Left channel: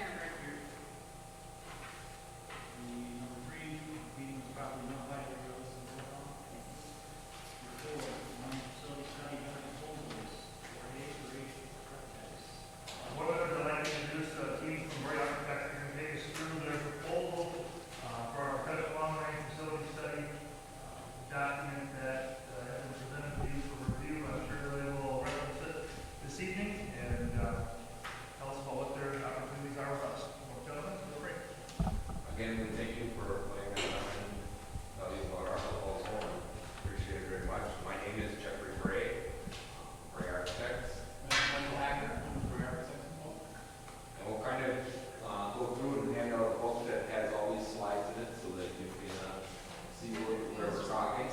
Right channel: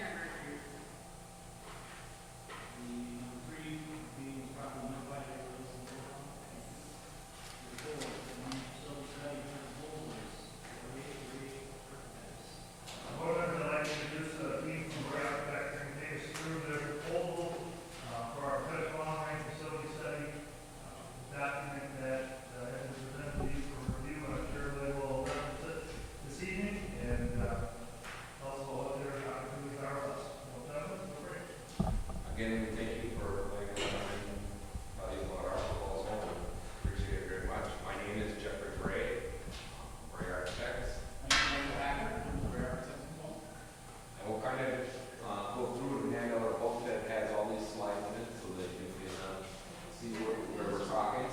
Everett. Here. The number 3, meeting was properly notified that you're listening to it. Number 4, money facility study benefit holders. Bray Architects. What I'd like to introduce a team from Bray Architects to take us through their proposal for our fifth long-range facility study document that has been presented to you for review. I'm sure they will reference it this evening and tell us about what their opportunities are with us. Well, gentlemen, feel free. Again, we thank you for letting us come and tell you about our proposal. Appreciate it very much. My name is Jeffrey Bray, Bray Architects. Weyauwega Fremont. And we'll kind of go through and hand out a book that has all these slides in it so that you can see where we're talking.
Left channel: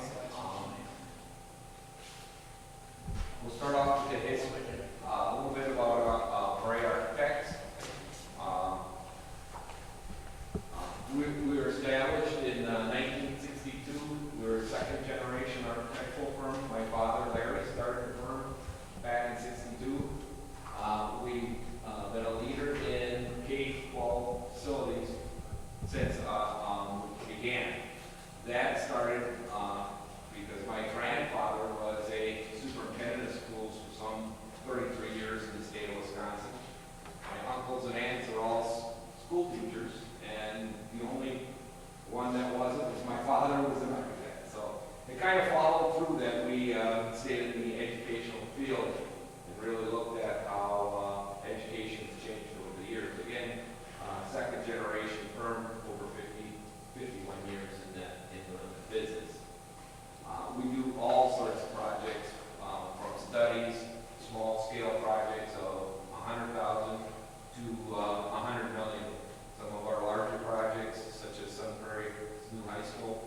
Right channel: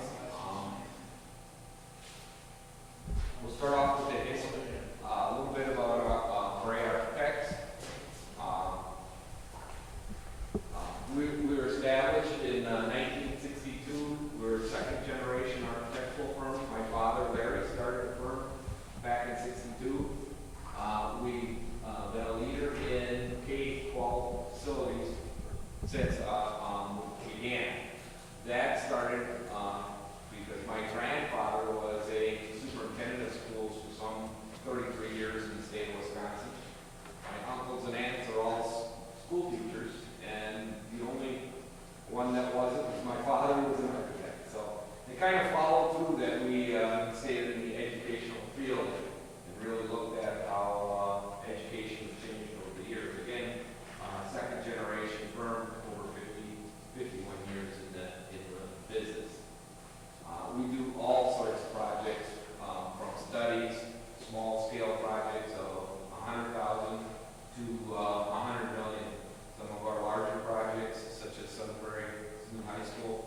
We'll start off with the history, a little bit about Bray Architects. We were established in 1962. We're a second generation architectural firm. My father, Larry, started the firm back in '62. We've been a leader in K-12 facilities since we began. That started because my grandfather was a superintendent of schools for some 33 years in the state of Wisconsin. My uncles and aunts are all school teachers, and the only one that wasn't was my father, who was an architect. So it kind of followed through that we stayed in the educational field and really looked at how education has changed over the years. Again, second generation firm, over 51 years in the business. We do all sorts of projects, from studies, small scale projects of 100,000 to 100 million. Some of our larger projects, such as Sunbury New High School,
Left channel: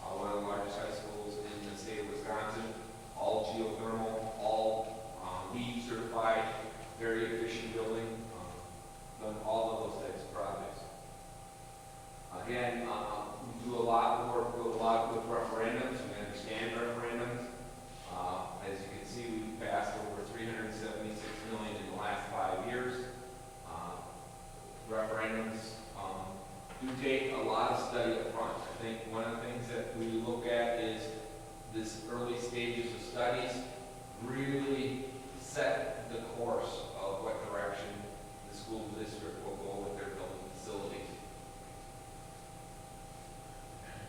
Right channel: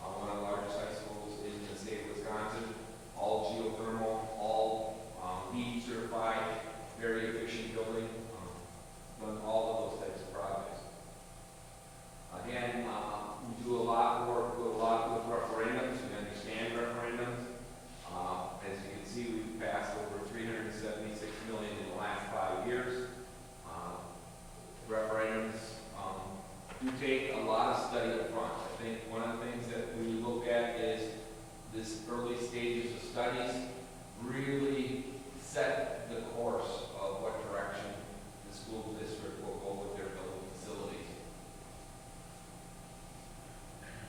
one of the largest high schools in the state of Wisconsin, all geothermal, all LEED certified, very efficient building, done all of those types of projects. Again, we do a lot of work, with referendums, we understand referendums. As you can see, we've passed over 376 million in the last 5 years. Referendums do take a lot of study up front. I think one of the things that we look at is this early stages of studies really set the course of what direction the school district will go with their building facilities.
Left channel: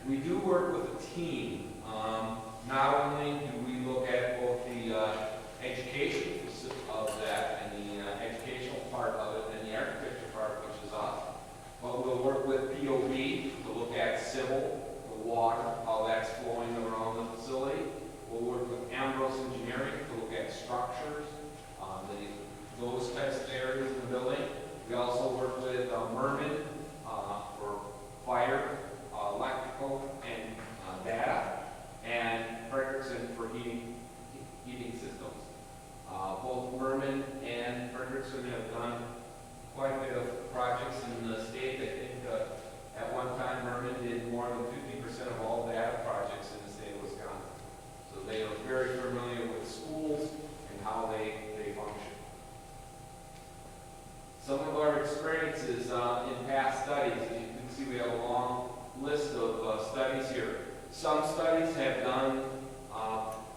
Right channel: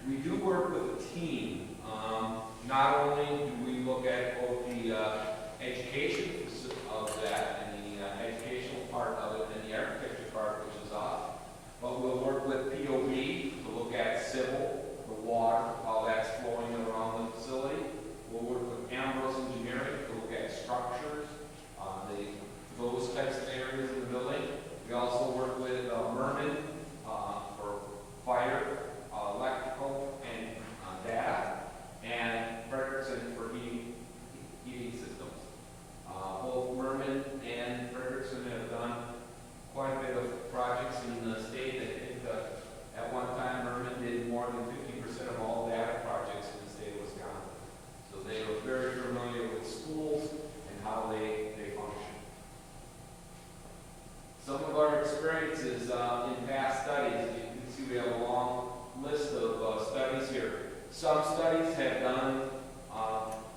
We do work with a team. Not only do we look at both the education of that and the educational part of it and the architecture part, which is us, but we'll work with POB to look at civil, the water, how that's flowing around the facility. We'll work with Ambrose Engineering to look at structures, those types of areas in the building. We also work with Merman for fire, electrical, and data, and Frederickson for heating systems. Both Merman and Frederickson have done quite a bit of projects in the state. I think at one time Merman did more than 50% of all data projects in the state of Wisconsin. So they are very familiar with schools and how they function. Some of our experiences in past studies, you can see we have a long list of studies here. Some studies have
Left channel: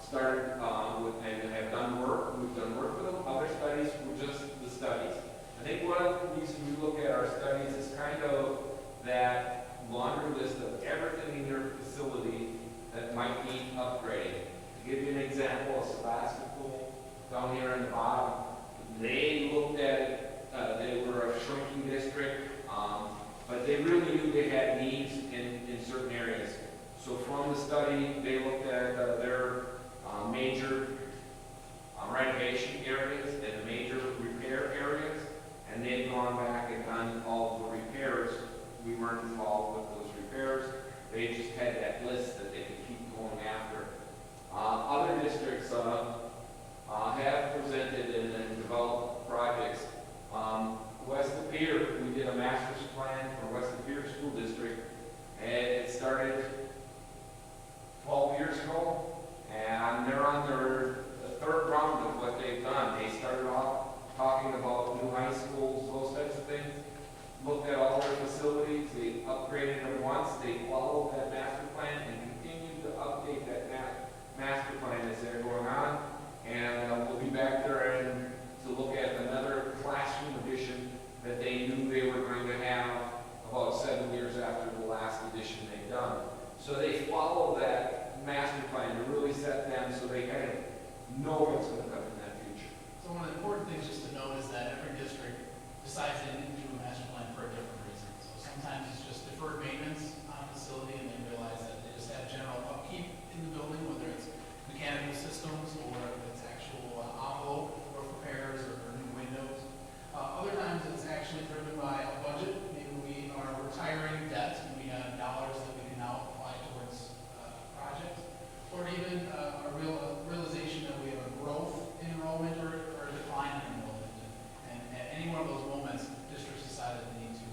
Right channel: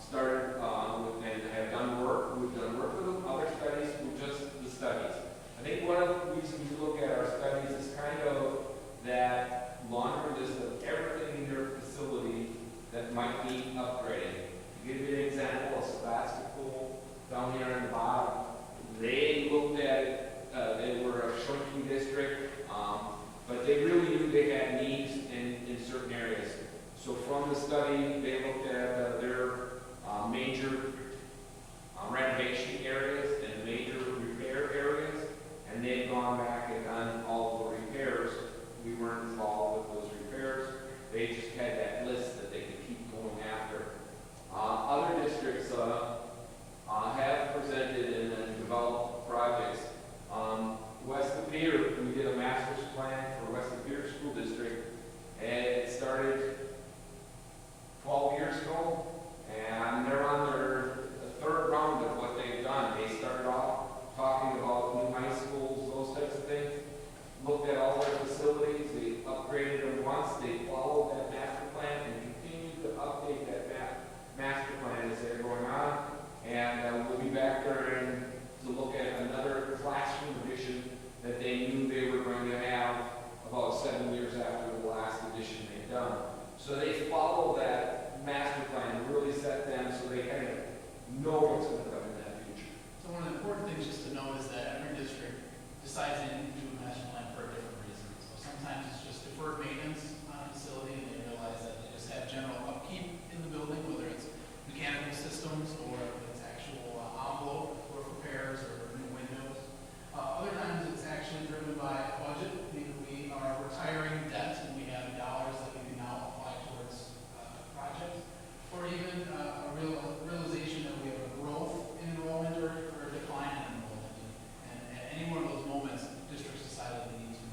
started and have done work. We've done work with them. Other studies were just the studies. I think one of the reasons you look at our studies is kind of that laundry list of everything in your facility that might need upgrading. To give you an example, a basketball down here on the bottom, they looked at it. They were a shrinking district, but they really knew they had needs in certain areas. So from the study, they looked at their major renovation areas and major repair areas, and they had gone back and done all the repairs. We weren't involved with those repairs. They just had that list that they could keep going after. Other districts have presented and developed projects. West of Pier, we did a master's plan for West of Pier School District, and it started 12 years ago, and they're on their third round of what they've done. They started off talking about new high schools, those types of things, that they knew they were going to have about 7 years after the last addition they've done. So they follow that master plan to really set them so they kind of know what's going to come in that future. So one of the important things just to note is that every district decides they need to do a master plan for a different reason. So sometimes it's just deferred maintenance on a facility, and they realize that they just have general upkeep in the building, whether it's mechanical systems or if it's actual envelope or repairs or new windows. Other times it's actually driven by a budget. Maybe we are retiring debts and we have dollars that we can now apply towards projects, or even a realization that we have a growth in enrollment or a decline in enrollment. And at any one of those moments, districts decided they need to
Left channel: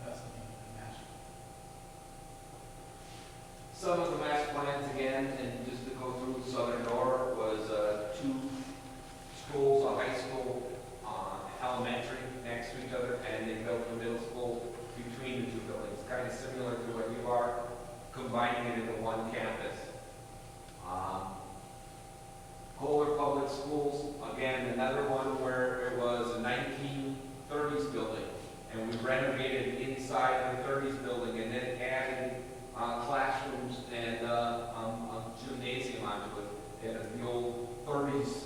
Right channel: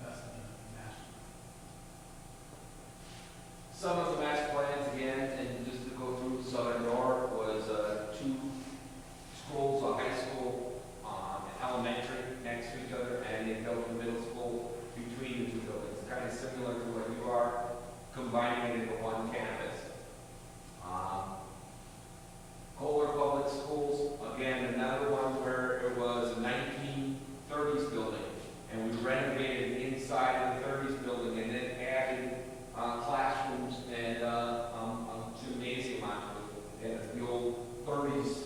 invest in a master plan. Some of the master plans, again, and just to go through Southern North, was 2 schools, a high school, elementary next to each other, and they built a middle school between the 2 buildings, kind of similar to what you are, combining it into one campus. Kohler Public Schools, again, another one where it was a 1930s building, and we renovated inside of the 30s building and then added classrooms and a gymnasium onto it. And the old 30s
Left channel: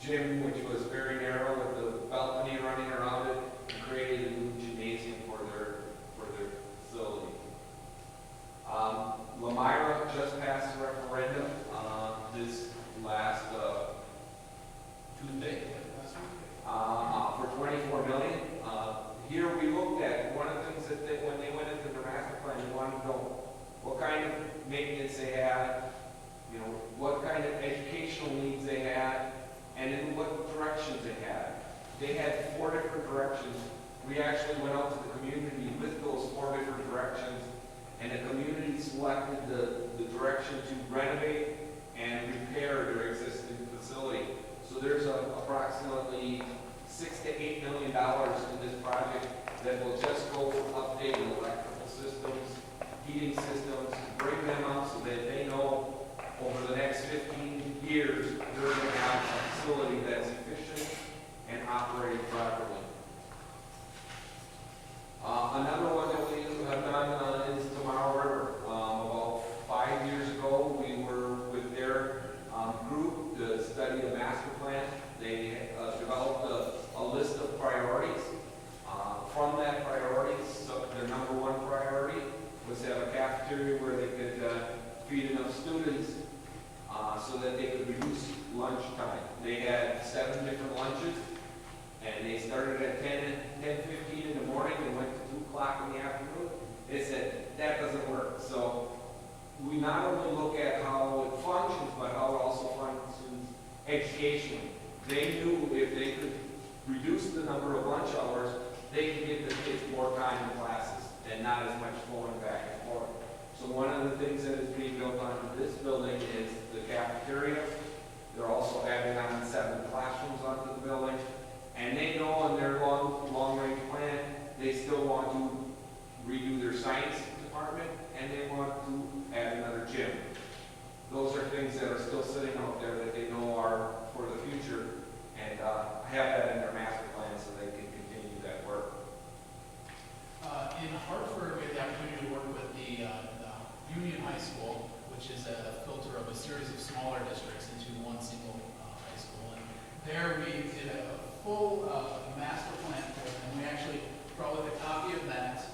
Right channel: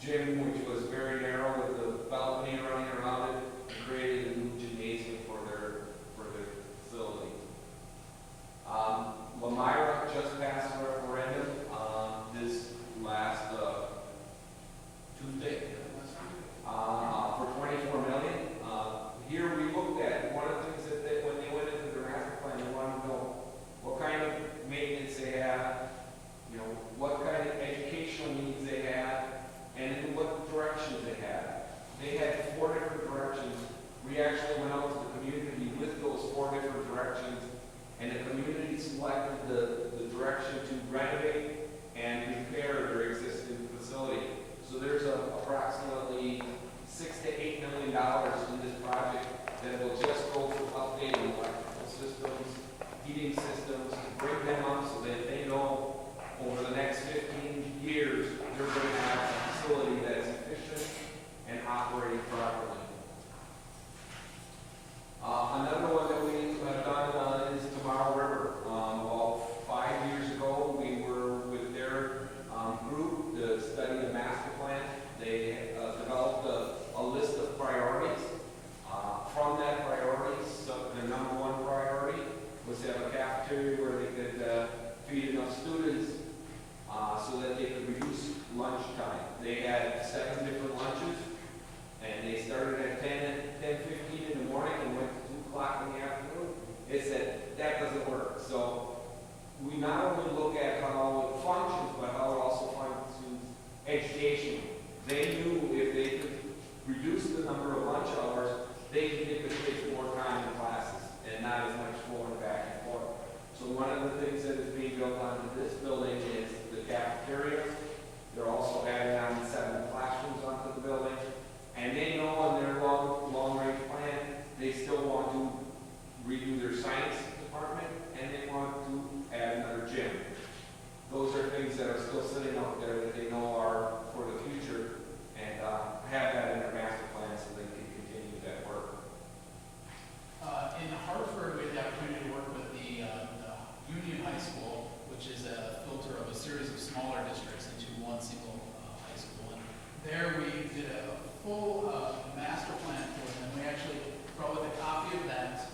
gym, which was very narrow with the balcony running around it, and created a new gymnasium for their facility. Lamira just passed a referendum this last Tuesday for $24 million. Here we looked at one of the things that when they went into the master plan, they wanted to know what kind of maintenance they had, what kind of educational needs they had, and in what directions they had. They had 4 different directions. We actually went out to the community with those 4 different directions, and the community selected the direction to renovate and repair their existing facility. So there's approximately $6 to $8 million in this project that will just go for updating electrical systems, heating systems, bring them up so that they know over the next 15 years they're going to have a facility that's efficient and operating properly. Another one that we have done is Tomorrow River. About 5 years ago, we were with their group to study the master plan. They developed a list of priorities. From that priorities, so their number 1 priority was to have a cafeteria where they could feed enough students so that they could reduce lunch time. They had 7 different lunches, and they started at 10:15 in the morning and went to 2 o'clock in the afternoon. They said, that doesn't work. So we not only look at how it functions, but how it also functions educationally. They knew if they could reduce the number of lunch hours, they could get the kids more time in classes and not as much going back and forth. So one of the things that is being built onto this building is the cafeteria. They're also adding on 7 classrooms onto the building. And they know in their long-range plan, they still want to redo their science department, and they want to add another gym. Those are things that are still sitting out there that they know are for the future, and have that in their master plan so they can continue that work. In Hartford, we had the opportunity to work with the Union High School, which is a filter of a series of smaller districts into one single high school. And there we did a full master plan for them, and we actually brought with a copy of that.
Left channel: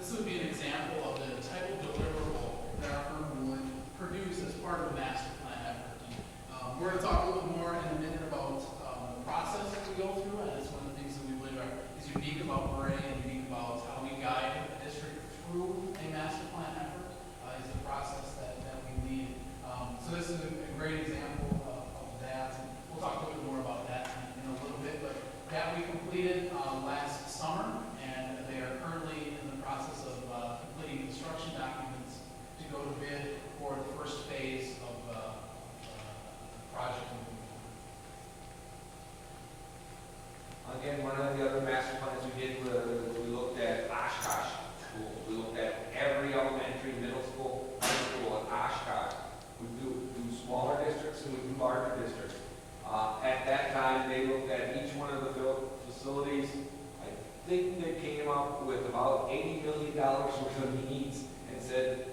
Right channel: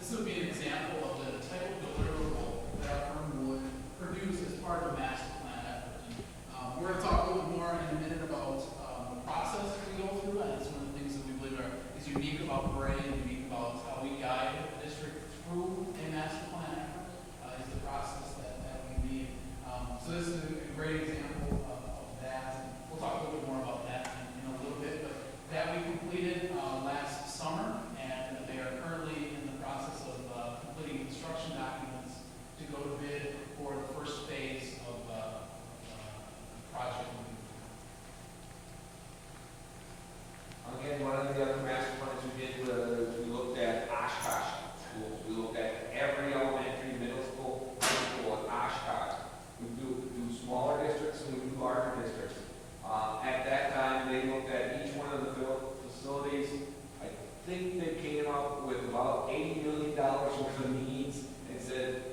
This would be an example of the type of deliverable that our firm would produce as part of a master plan effort. We're going to talk a little more in a minute about the process that we go through, and it's one of the things that we believe is unique about Bray and unique about how we guide the district through a master plan effort, is the process that we lead. So this is a great example of that. And we'll talk a little bit more about that in a little bit, but that we completed last summer, and they are currently in the process of completing construction documents to go to bid for the first phase of the project. Again, one of the other master plans we did was we looked at Oshkosh schools. We looked at every elementary, middle school, high school in Oshkosh. We do smaller districts, and we up with about $80 million worth of needs and said,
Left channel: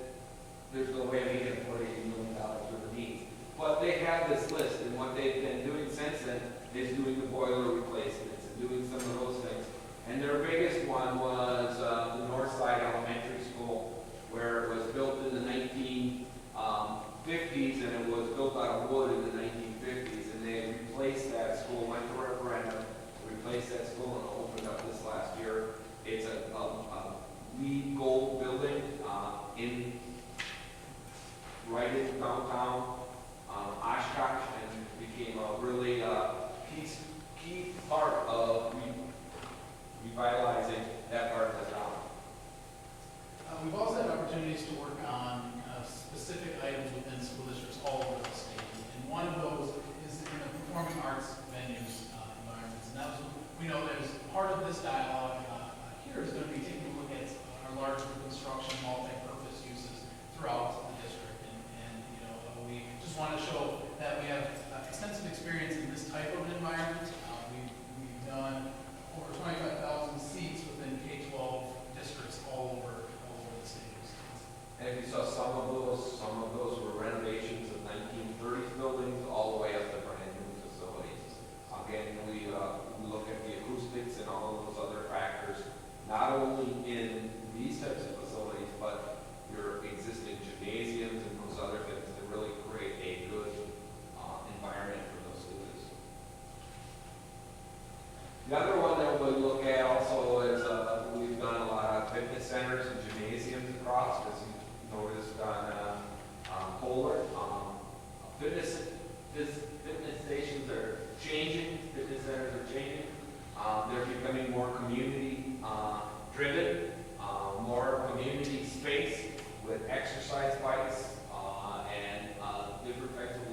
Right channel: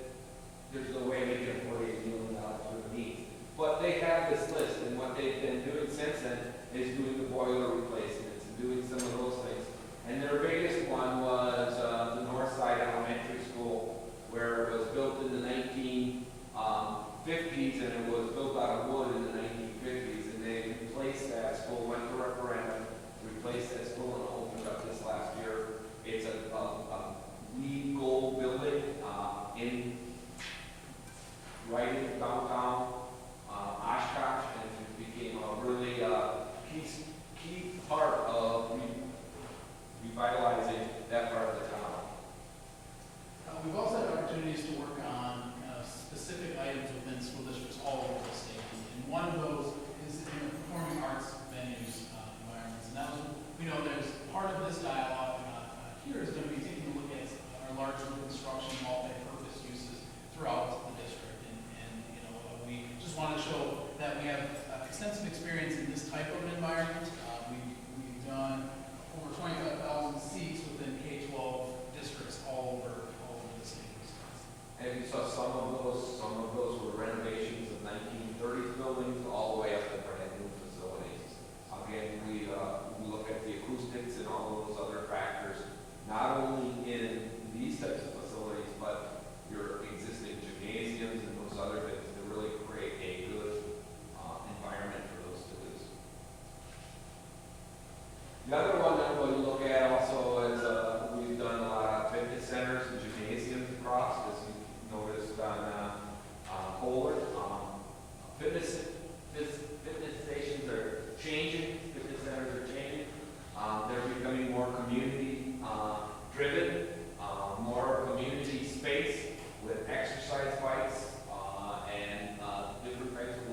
there's no way we can afford $80 million worth of needs. But they have this list, and what they've been doing since then is doing the boiler replacements and doing some of those things. And their biggest one was the Northside Elementary School, where it was built in the 1950s, and it was built out of wood in the 1950s. And they replaced that school, went to referendum, replaced that school, and opened up this last year. It's a LEED gold building right in downtown Oshkosh, and became a really key part of revitalizing that part of the town. We've also had opportunities to work on specific items within school districts all over the state. And one of those is in the performing arts venues environments. And that was, we know there's part of this dialogue here is going to be taking a look at our large construction multi-purpose uses throughout the district. And we just want to show that we have extensive experience in this type of an environment. We've done over 25,000 seats within K-12 districts all over the state of Wisconsin. And you saw some of those were renovations of 1930s buildings all the way up to brand new facilities. Again, we look at the acoustics and all of those other factors, not only in these types of facilities, but your existing gymnasiums and those other things that really create a good environment for those students. The other one that we'll look at also is we've done a lot of fitness centers and gymnasiums across, as you noticed on Kohler. Fitness stations are changing, fitness centers are changing. They're becoming more community driven, more community space with exercise bikes and different types of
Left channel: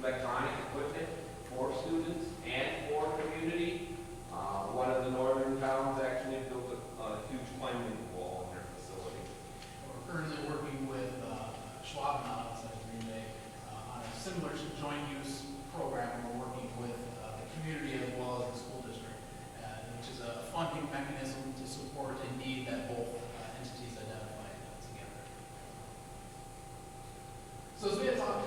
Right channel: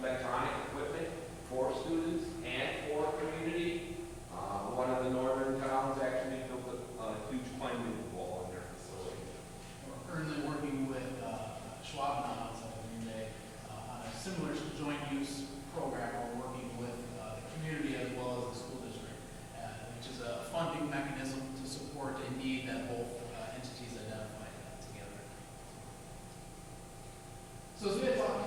electronic equipment for students and for community. One of the northern towns actually built a huge climbing wall in their facility. We're currently working with Schwab outside of Green Bay on a similar joint use program. We're working with the community as well as the school district, which is a funding mechanism to support a need that both entities identified together. So as we had talked,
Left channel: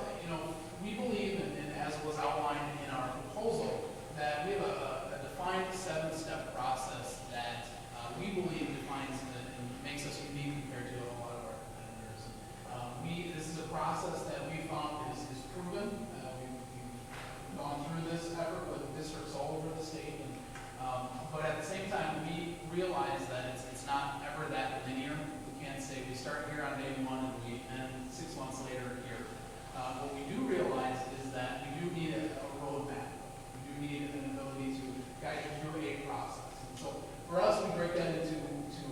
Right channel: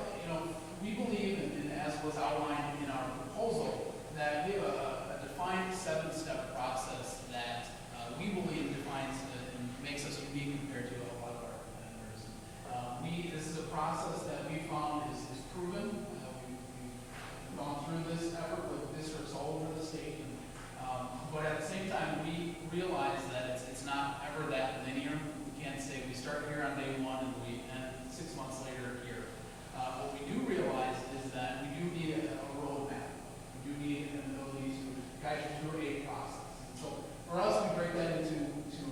we believe, and as was outlined in our proposal, that we have a defined 7-step process that we believe defines and makes us unique compared to a lot of our competitors. This is a process that we found is proven. We've gone through this effort with districts all over the state, but at the same time, we realize that it's not ever that linear. We can't say we start here on day 1 and we end 6 months later here. What we do realize is that we do need a roadmap. We do need an ability to guide you through a process. And so for us, we break that into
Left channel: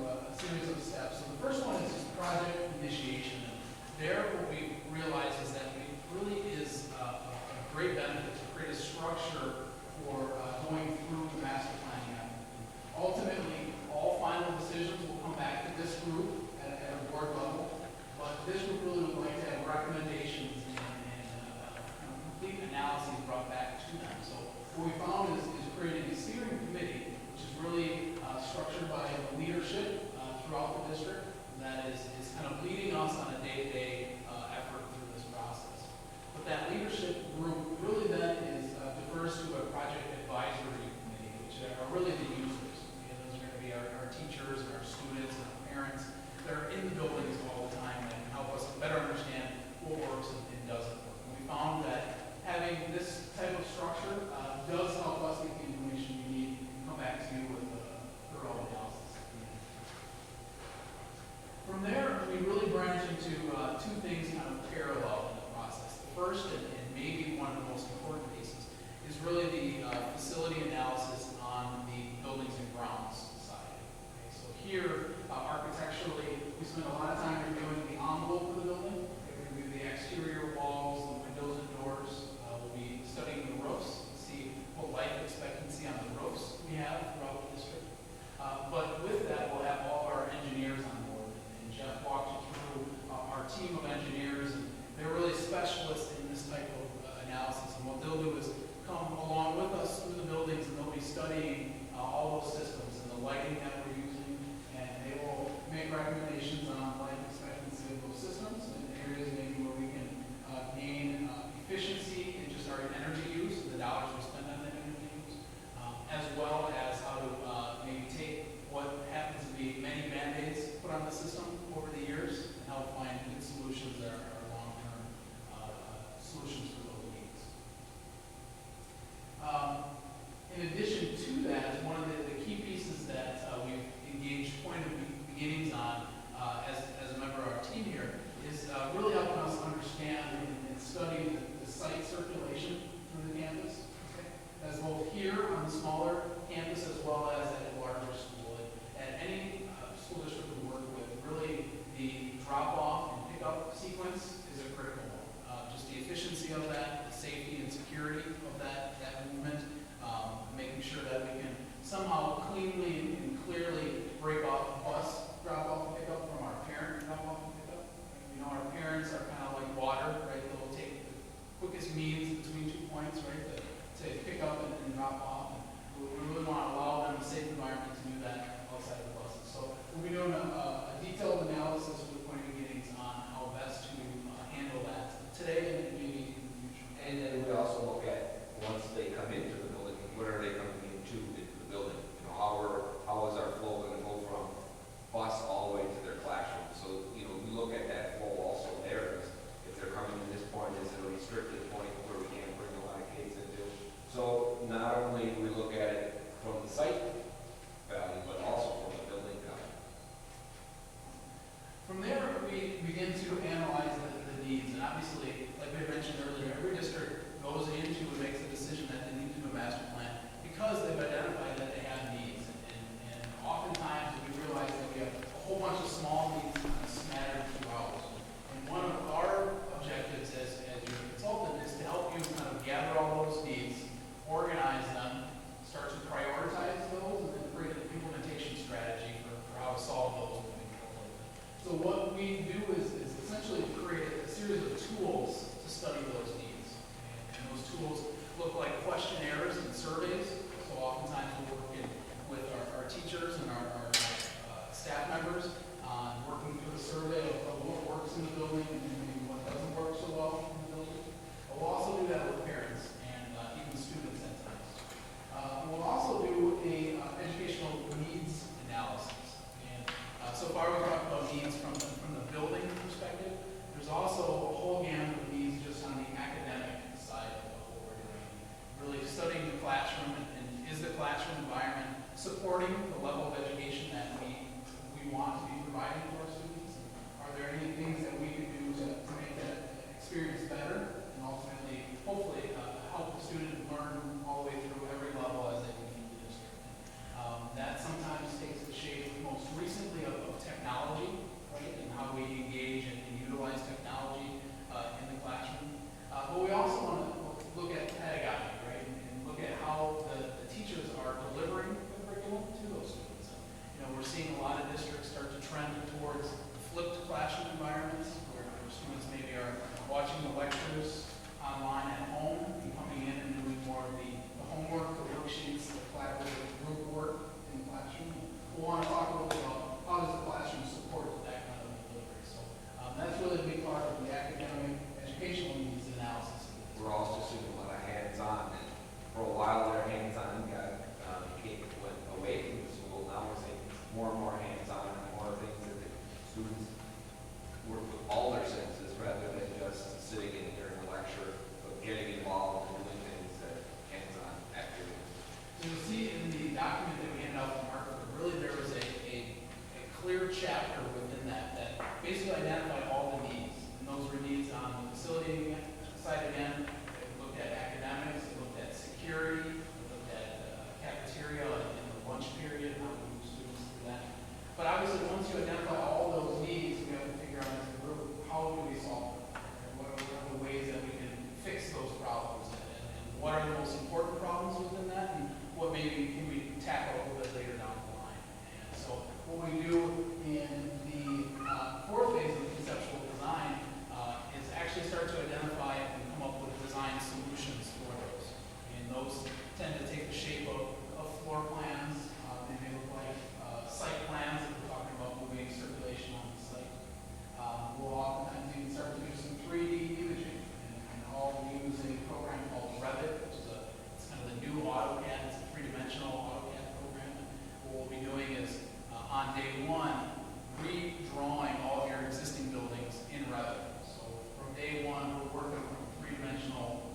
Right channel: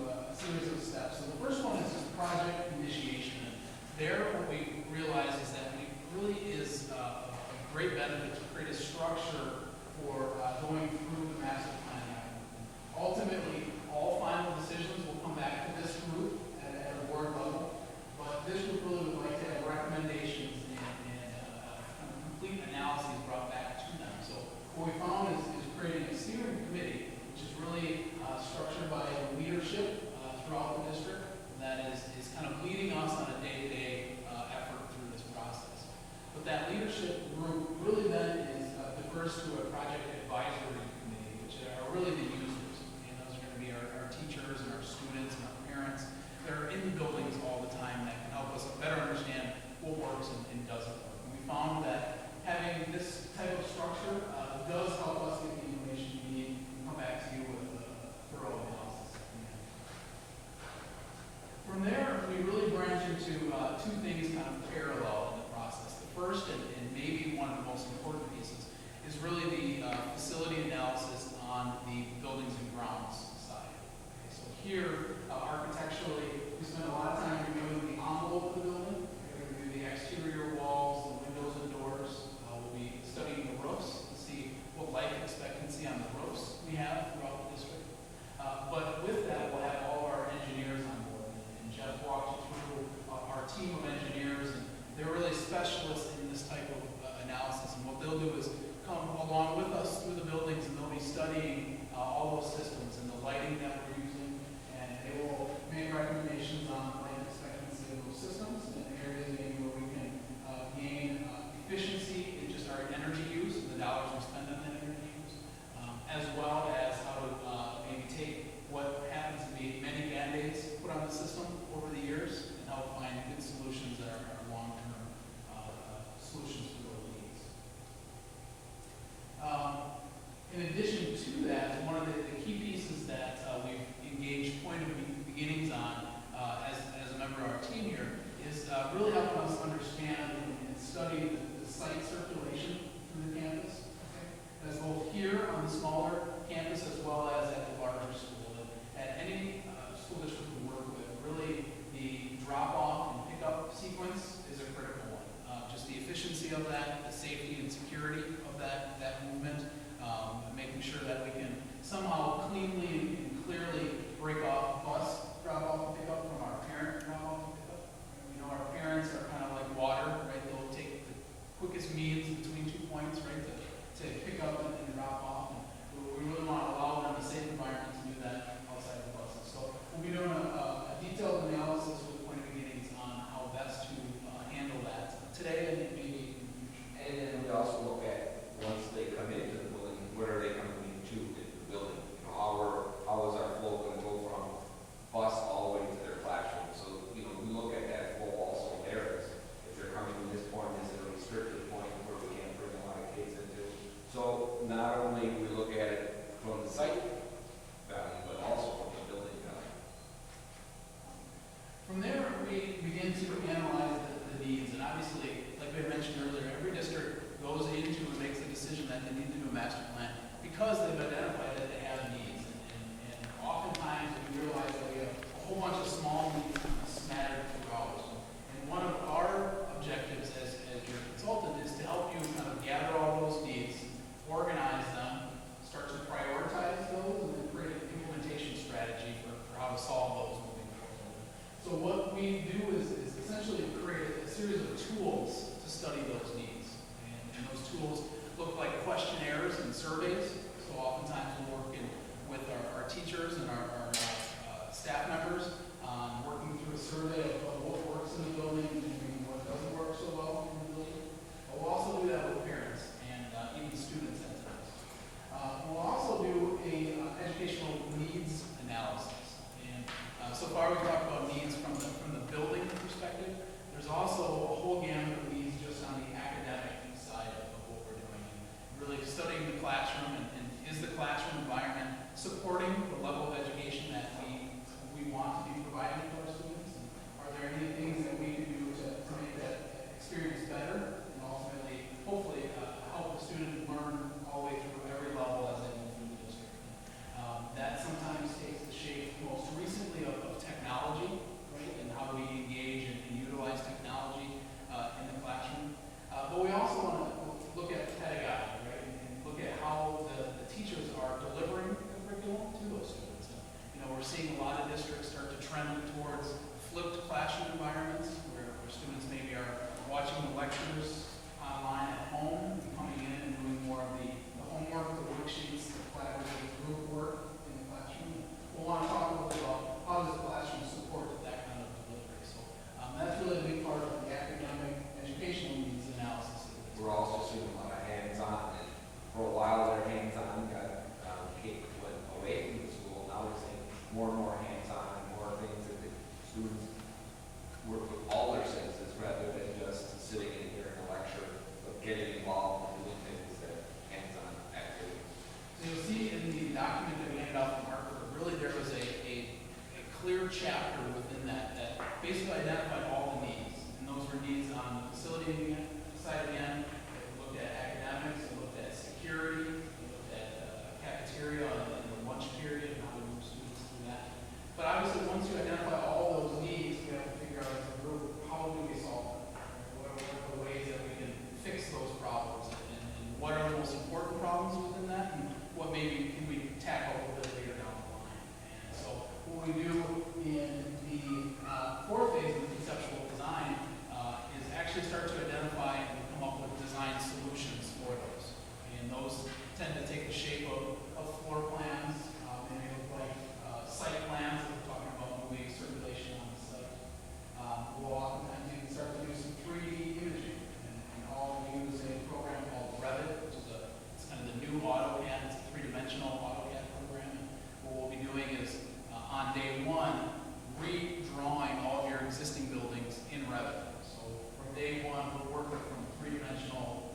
a series of steps. So the first one is just project initiation. And there, what we realize is that it really is a great benefit to create a structure for going through the master planning effort. Ultimately, all final decisions will come back to this group at a board level, but this group really would like to have recommendations and kind of complete analyses brought back to them. So what we found is creating a steering committee, which is really structured by the leadership throughout the district, and that is kind of leading us on a day-to-day effort through this process. But that leadership group really then defers to a project advisory committee, which are really the users. And those are going to be our teachers and our students and our parents that are in the buildings all the time that can help us better understand what works and doesn't work. And we found that having this type of structure does help us get the information we need and come back to you with a thorough analysis at the end. From there, we really branch into two things kind of parallel in the process. The first, and maybe one of the most important pieces, is really the facility analysis on the buildings and grounds side. Okay, so here, architecturally, we spend a lot of time reviewing the envelope of the building. We're going to review the exterior walls, the windows and doors. We'll be studying the roofs to see what life expectancy on the roofs we have throughout the district. But with that, we'll have all of our engineers on board. And Jeff walked you through our team of engineers, and they're really specialists in this type of analysis. And what they'll do is come along with us through the buildings, and they'll be studying all those systems and the lighting that we're using, we do is essentially create a series of tools to study those needs. And those tools look like questionnaires and surveys. So oftentimes we work with our teachers and our staff members on working through a survey of what works in the building and maybe what doesn't work so well in the building. We'll also do that with parents and even students at times. We'll also do a educational needs analysis. And so far we've talked about needs from the building perspective. There's also a whole gamut of needs just on the academic side of what we're doing. Really studying the classroom and is the classroom environment supporting the level of education that we want to be providing to our students? And are there any things that we can do to make that experience better and ultimately, hopefully, help the student learn all the way through every level as they move through the district? That sometimes takes the shape most recently of technology, right, and how do we engage and utilize technology in the classroom. But we also want to look at pedagogy, right, and look at how the teachers are delivering the curriculum to those students. We're seeing a lot of districts start to trend towards flipped classroom environments where students maybe are watching the lectures online at home and coming in and doing more of the homework, the worksheets, the collaborative group work in the classroom. We'll want to talk a little bit about how does the classroom support that kind of delivery. So that's really a big part of the academic educational needs analysis. We're also seeing a lot of hands-on. And for a while, their hands-on went away from the school. Now we're seeing more and more hands-on, more things that the students work with all their senses rather than just sitting in during a lecture, but getting involved and doing things that hands-on activities. So you'll see in the document that we handed out from Hartford, really there was a clear chapter within that basically identified all the needs. And those were needs on the facility side again. It looked at academics, it looked at security, it looked at cafeteria and the lunch period, how we move students through that. But obviously, once you identify all those needs, we have to figure out as a group, how do we solve them? What are the ways that we can fix those problems? And what are the most important problems within that? And what maybe can we tackle a little bit later down the line? And so what we do in the fourth phase of the conceptual design is actually start to identify and come up with design solutions for those. And those tend to take the shape of floor plans. They may look like site plans if we're talking about moving circulation on the site. We'll oftentimes even start to do some 3D imaging. And all we use a program called Revit, which is it's kind of the new AutoCAD. It's a three-dimensional AutoCAD program. And what we'll be doing is, on day one, redrawing all of your existing buildings in Revit. So from day one, we're working from three-dimensional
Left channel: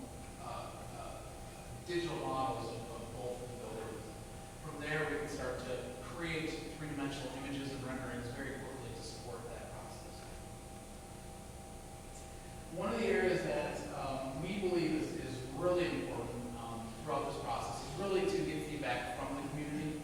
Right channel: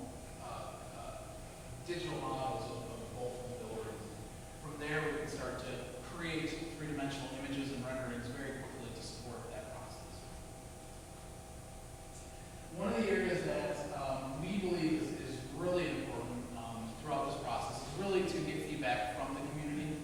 digital models of both the buildings. From there, we can start to create three-dimensional images and renderings very quickly to support that process. One of the areas that we believe is really important throughout this process is really to get feedback from the community.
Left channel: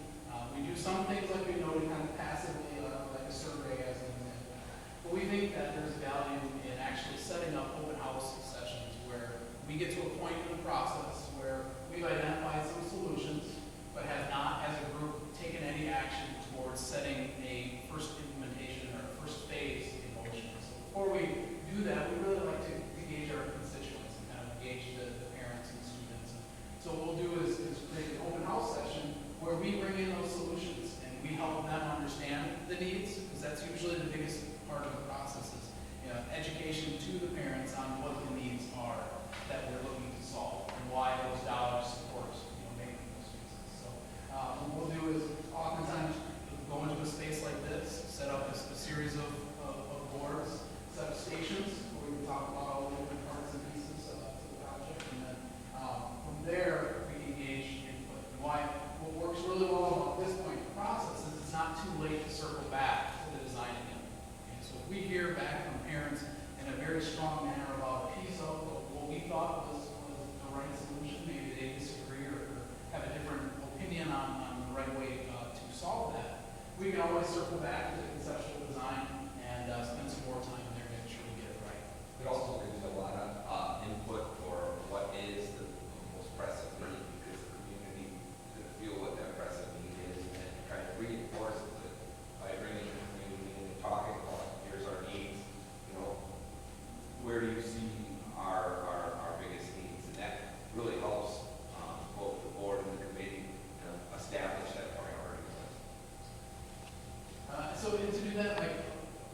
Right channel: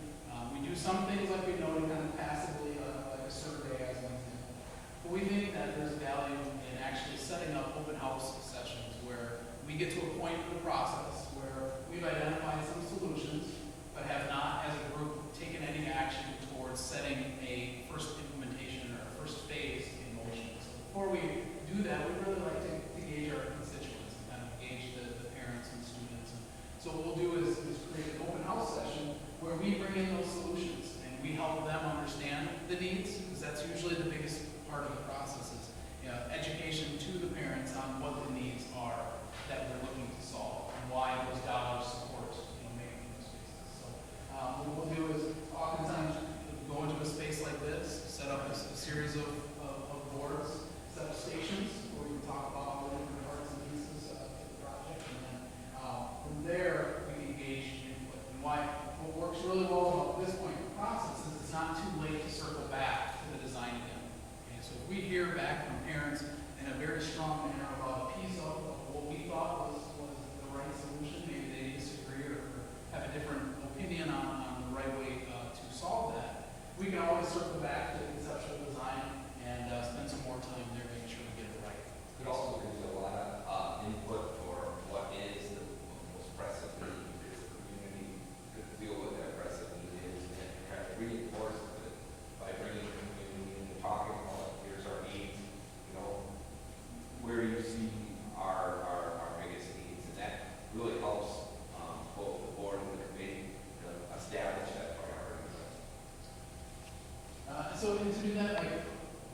We do some things like we know kind of passively, like a survey as an example. But we think that there's value in actually setting up open house sessions where we get to a point in the process where we've identified some solutions, but have not, as a group, taken any action towards setting a first implementation or a first phase in motion. So before we do that, we really like to gauge our constituents and kind of gauge the parents and students. And so what we'll do is create an open house session where we bring in those solutions and we help them understand the needs, because that's usually the biggest part of the process is education to the parents on what the needs are that we're looking to solve and why those dollars support making those spaces. So what we'll do is oftentimes go into a space like this, set up a series of boards, set up stations where we can talk about all the different parts and pieces of the project, and then from there we engage input. And what works really well about this point in the process is it's not too late to circle back to the design again. And so if we hear back from parents in a very strong manner about a piece of what we thought was the right solution, maybe they disagree or have a different opinion on the right way to solve that, we can always circle back to conceptual design and spend some more time there making sure we get it right. It also gives you a lot of input for what is the most pressing need, because the community could feel what that pressing need is and kind of reinforce it by bringing the community into talking about here's our need, So to do that, like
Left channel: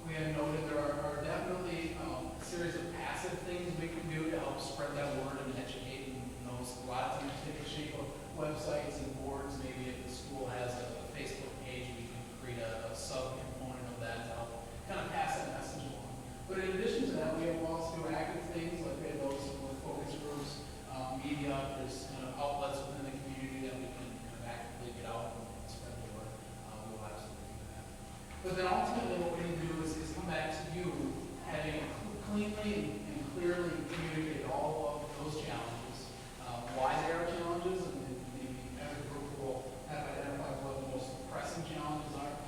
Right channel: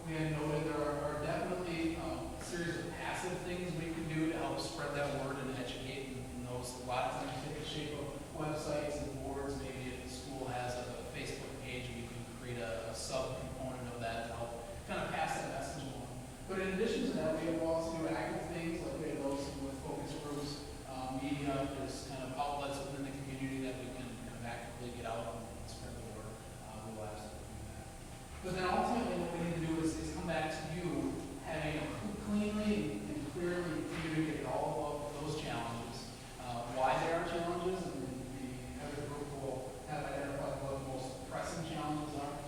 we had noted, there are definitely a series of passive things we can do to help spread that word and educate. And those, a lot of times take the shape of websites and boards. Maybe if the school has a Facebook page, we can create a sub-component of that to help kind of pass that message along. But in addition to that, we have lots of active things, like we have those with focus groups, media, there's kind of outlets within the community that we can kind of actively get out and spread the word. We will absolutely do that. But then ultimately what we need to do is come back to you having cleanly and clearly communicated all of those challenges, why there are challenges, and the edit group will have identified what the most pressing challenges are,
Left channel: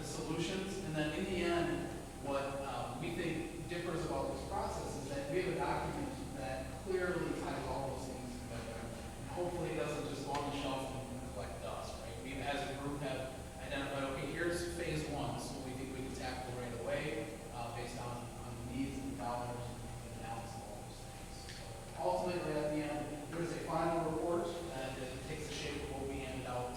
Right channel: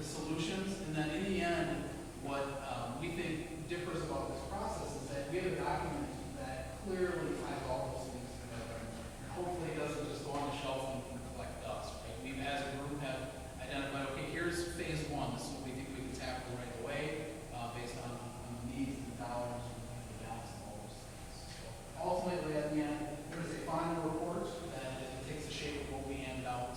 the solutions, and then in the end, what we think differs about this process is that we have a document that clearly ties all those things together, and hopefully it doesn't just go on the shelf and collect dust, right? We as a group have identified, okay, here's phase one, this is what we think we can tackle right away, based on needs and dollars and the balance of all those things. So ultimately, at the end, there is a final report that takes the shape of what we handed out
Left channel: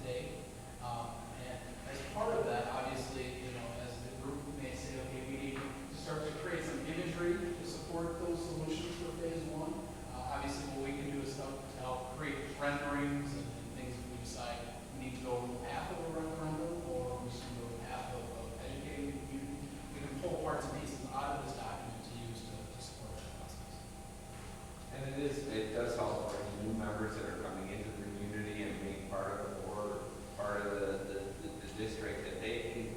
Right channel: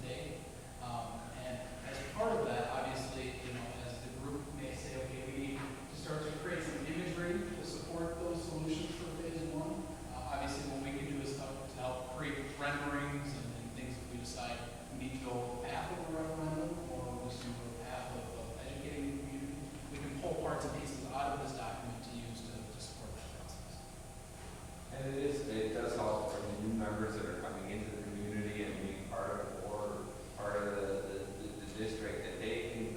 today. And as part of that, obviously, as the group may say, okay, we need to start to create some imagery to support those solutions for phase one. Obviously, what we can do is help to help create renderings and things if we decide we need to go a path of a referendum or we should go a path of educating the community. We can pull parts and pieces out of this document to use to support that process. And it does help for new members that are coming into the community and being part of the board, part of the district, that they can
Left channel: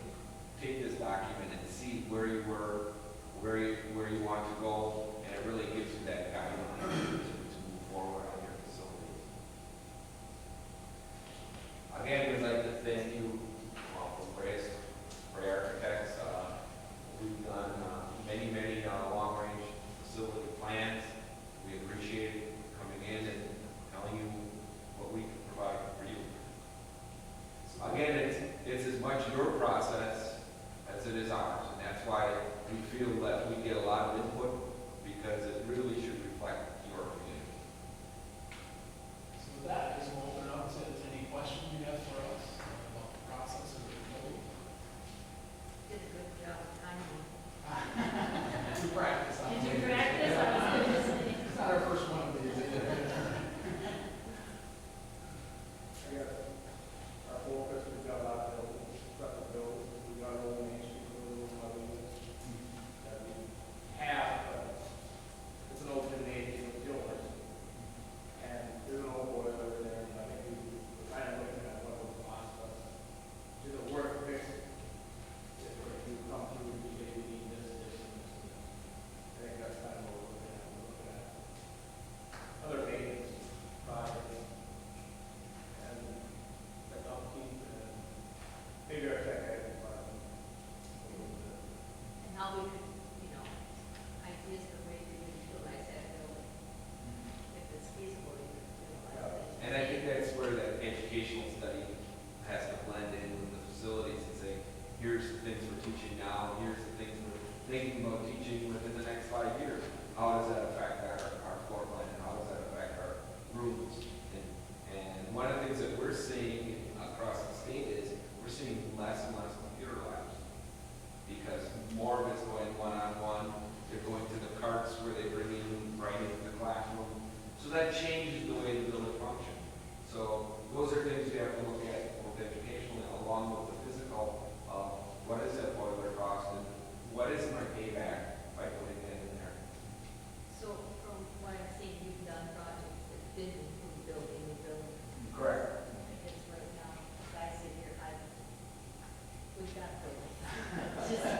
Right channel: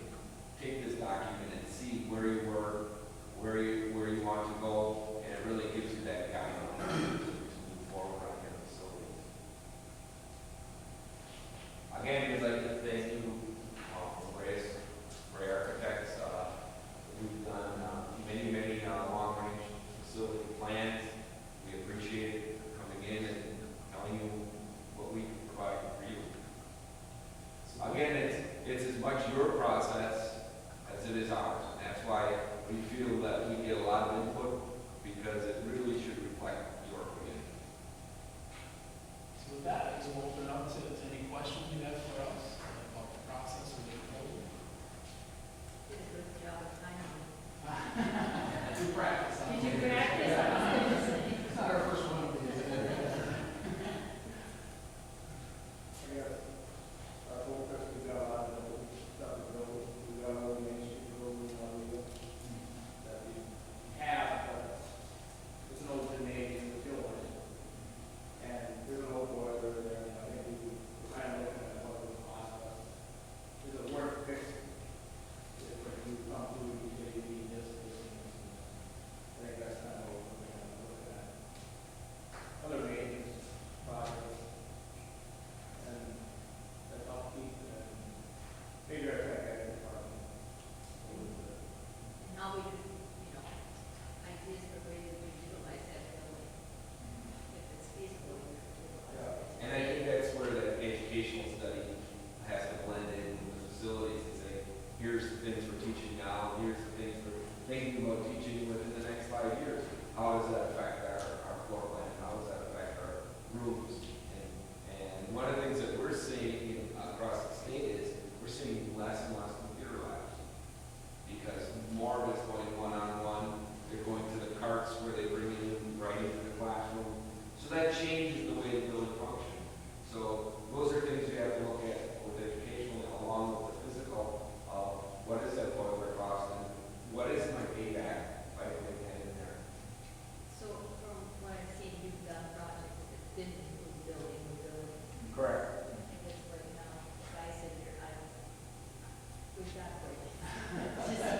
take this document and see where you were, where you want to go, and it really gives you that guideline to move forward on your facilities. Again, we'd like to thank you from Bray Architects. We've done many long-range facility plans. We appreciate it coming in and telling you what we can provide for you. Again, it's as much your process as it is ours, and that's why we feel that we get a lot of input, because it really should reflect your community. So with that, I guess we'll open it up to any questions you have for us about the process or the code. Did a good job of timing. We practice. Did you practice? It's not our first one of these. I guess our focus, we've got a lot of buildings, stuff to build. We've got an old Main Street building in Weyauwega that we have, but it's an old gymnasium, it's yours. And there's an old boiler in there, and I think we're kind of looking at what it would cost us. Is it worth fixing? If you come through and say we need this, this, and this, and this. I think that's kind of what we're looking at. We're looking at other maintenance projects and the upkeep and maybe our tech ed department. And how we could, ideas the way we would utilize that building. If it's feasible, we could utilize it. And I think that's where the educational study has to blend in with the facilities and say, here's the things we're teaching now, here's the things we're thinking about teaching within the next 5 years. How does that affect our floor plan, and how does that affect our rooms? And one of the things that we're seeing across the state is we're seeing less and less computer labs, because more of it's going one-on-one. They're going to the carts where they bring you right into the classroom. So that changes the way the building functions. So those are things we have to look at with educational along with the physical. What is that boiler cost, and what is my payback by putting that in there? So from what I've seen, you've done projects that didn't include building new building. Correct. I guess right now, as I sit here, we've got buildings. It's just,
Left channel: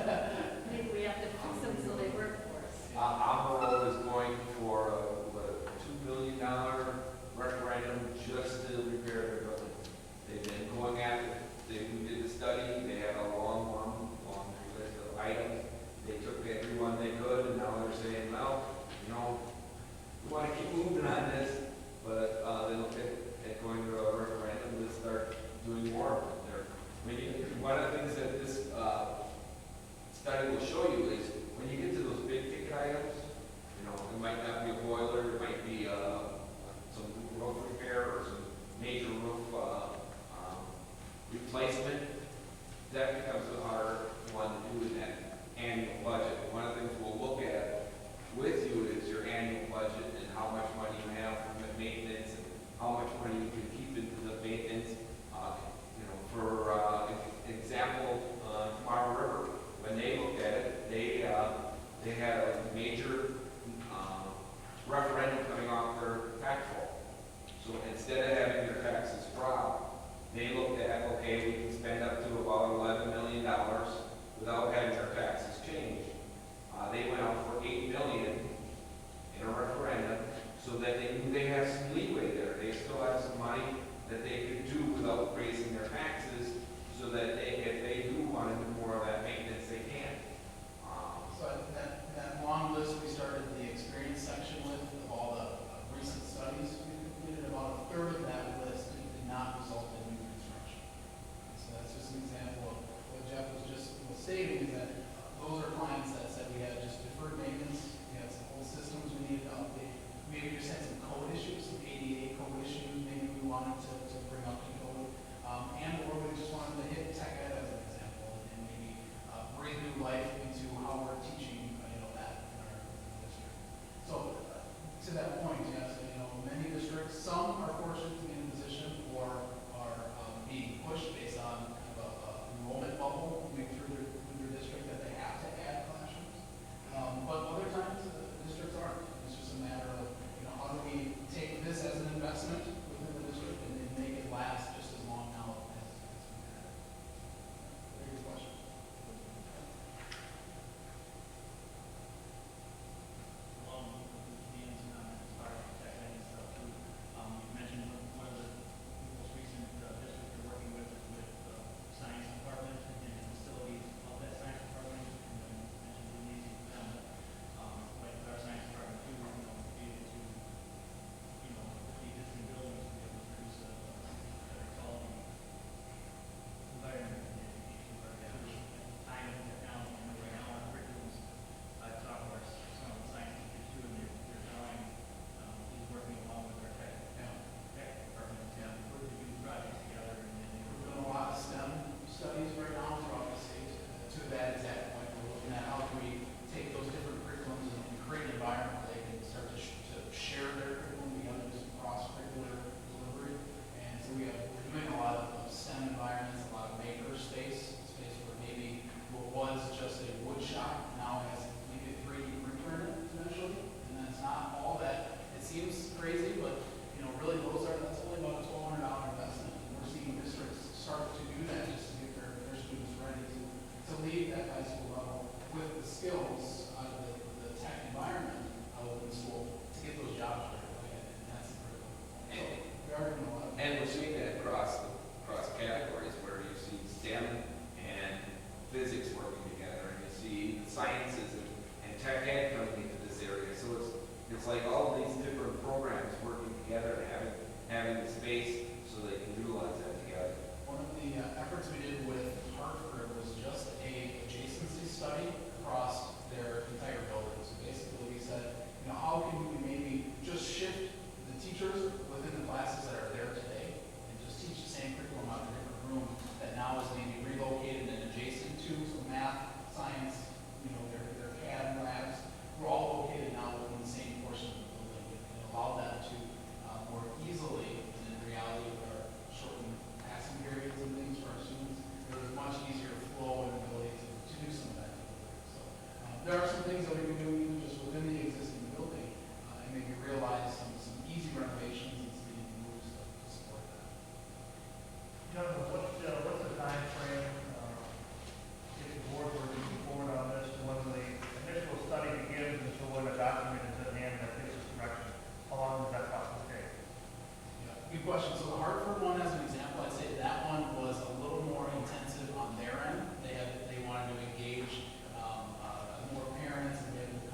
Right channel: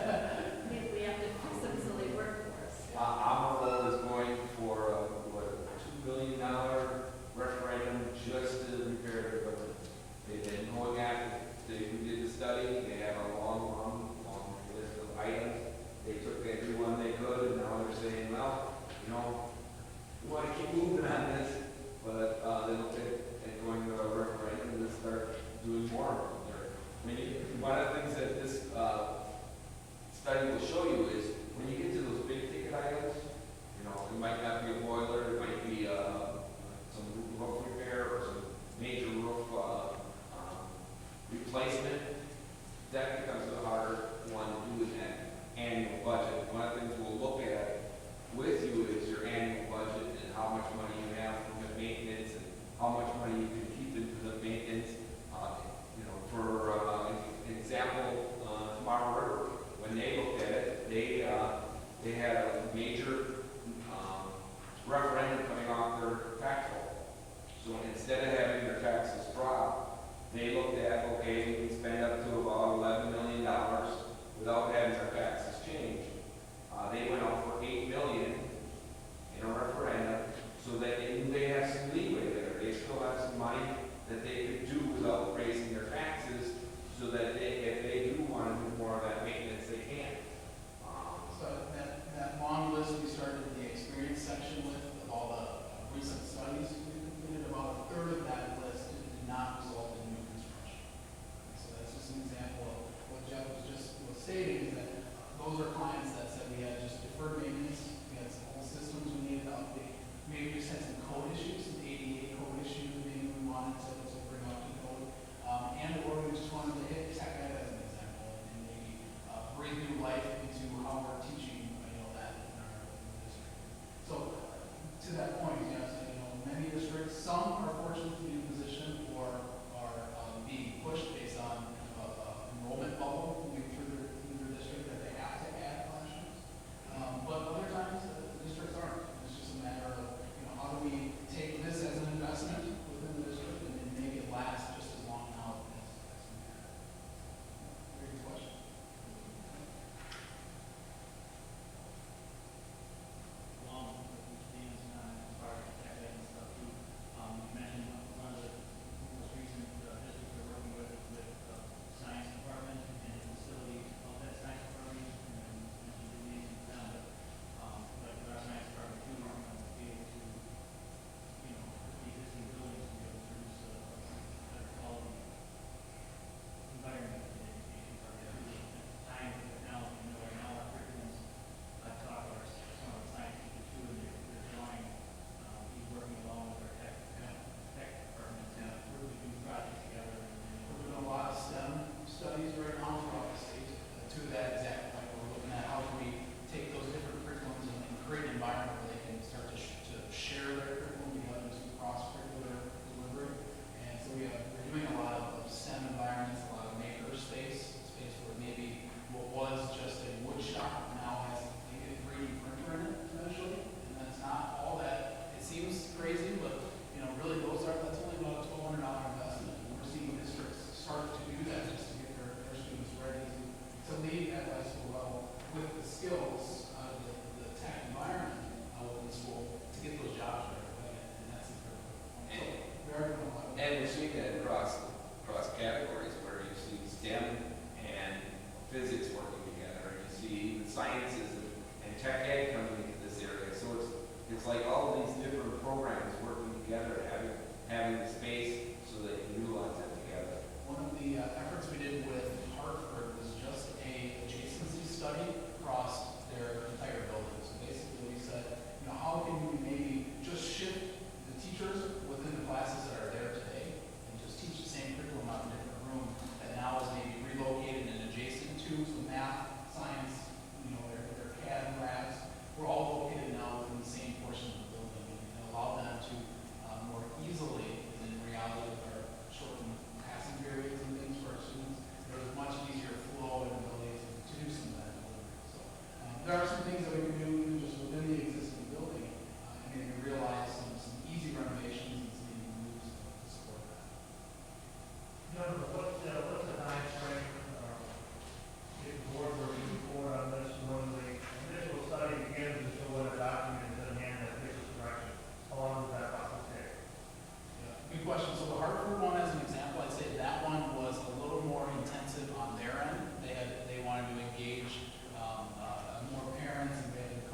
maybe we have to fix them so they work for us. Amarol is going for a $2 million referendum just to repair their building. They've been going after, we did the study, they had a long list of items. They took everyone they could, and now they're saying, well, we want to keep moving on this, but they look at going to a referendum to start doing more of it there. One of the things that this study will show you is when you get to those big ticket items, it might not be a boiler, it might be some roof repair or some major roof replacement. That becomes want to do in that annual budget. One of the things we'll look at with you is your annual budget and how much money you have for the maintenance and how much money you can keep into the maintenance. For example, Tomorrow River, when they looked at it, they had a major referendum coming off their tax roll. So instead of having their taxes drop, they looked at, okay, we can spend up to about $11 million without having our taxes change. They went out for $8 million in a referendum so that they knew they had some leeway there. They still have some money that they could do without raising their taxes so that if they do want to do more of that maintenance, they can. So that long list we started the experience section with, of all the recent studies, we completed about a third of that list did not result in new construction. So that's just an example of what Jeff was just stating, is that those are clients that said we had just deferred maintenance, we had some old systems we needed to update, maybe just had some code issues, some ADA code issues, maybe we wanted to bring up to code, or we just wanted to hit tech ed as an example, and maybe breathe new life into how we're teaching, that in our district. So to that point, yes, many districts, some are fortunate to be in a position or are being pushed based on kind of a enrollment bubble moving through their district that they have to add classrooms. But other times, districts aren't. It's just a matter of, how do we take this as an investment within the district and then make it last just as long now as we had it. Very good question. Along with Dan's inspired tech ed and stuff too, you mentioned one of the most recent districts we're working with is with science department and the facilities of that science department. And then you mentioned the meetings with them, but like with our science department too, be able to, with the existing buildings, to be able to produce a better quality environment in education. But science and technology, I know right now our curriculums, I've talked to some of the science teachers too, and they're drawing, he's working along with our tech department, working to do projects together. We're doing a lot of STEM studies right now throughout the state. To that exact point, we're looking at how can we take those different curriculums and create an environment where they can start to share their curriculum together, just cross-curricular delivery. And so we're doing a lot of STEM environments, a lot of maker space where maybe what was just a wood shop now has maybe a 3D printer in it eventually. And then it's not all that. It seems crazy, but really that's only about a $1,200 investment. And we're seeing districts start to do that just to get their students ready to leave at high school level with the skills out of the tech environment within school to get those jobs right away. And that's the critical point. So we are doing a lot of And we're seeing that across categories where you see STEM and physics working together, and you see the sciences and tech ed coming into this area. So it's like all of these different programs working together, having the space so they can utilize that together. One of the efforts we did with Hartford was just a adjacency study across their entire building. So basically we said, how can we maybe just shift the teachers within the classes that are there today and just teach the same curriculum out in a different room that now is maybe relocated and adjacent to, so math, science, their CAD labs, we're all located now within the same portion of the building and allow them to more easily, and in reality with our shortened passing periods and things for our students, there's much easier flow and ability to do some of that delivery. So there are some things that we can do just within the existing building and maybe realize some easy renovations and some easy moves to support that. What's the time frame if the board were to move forward on this, when the initial study begins until when the document is in hand that gives us direction? How long does that process take? Good question. So the Hartford one, as an example, I'd say that one was a little more intensive on their end. They wanted to engage more parents and be able to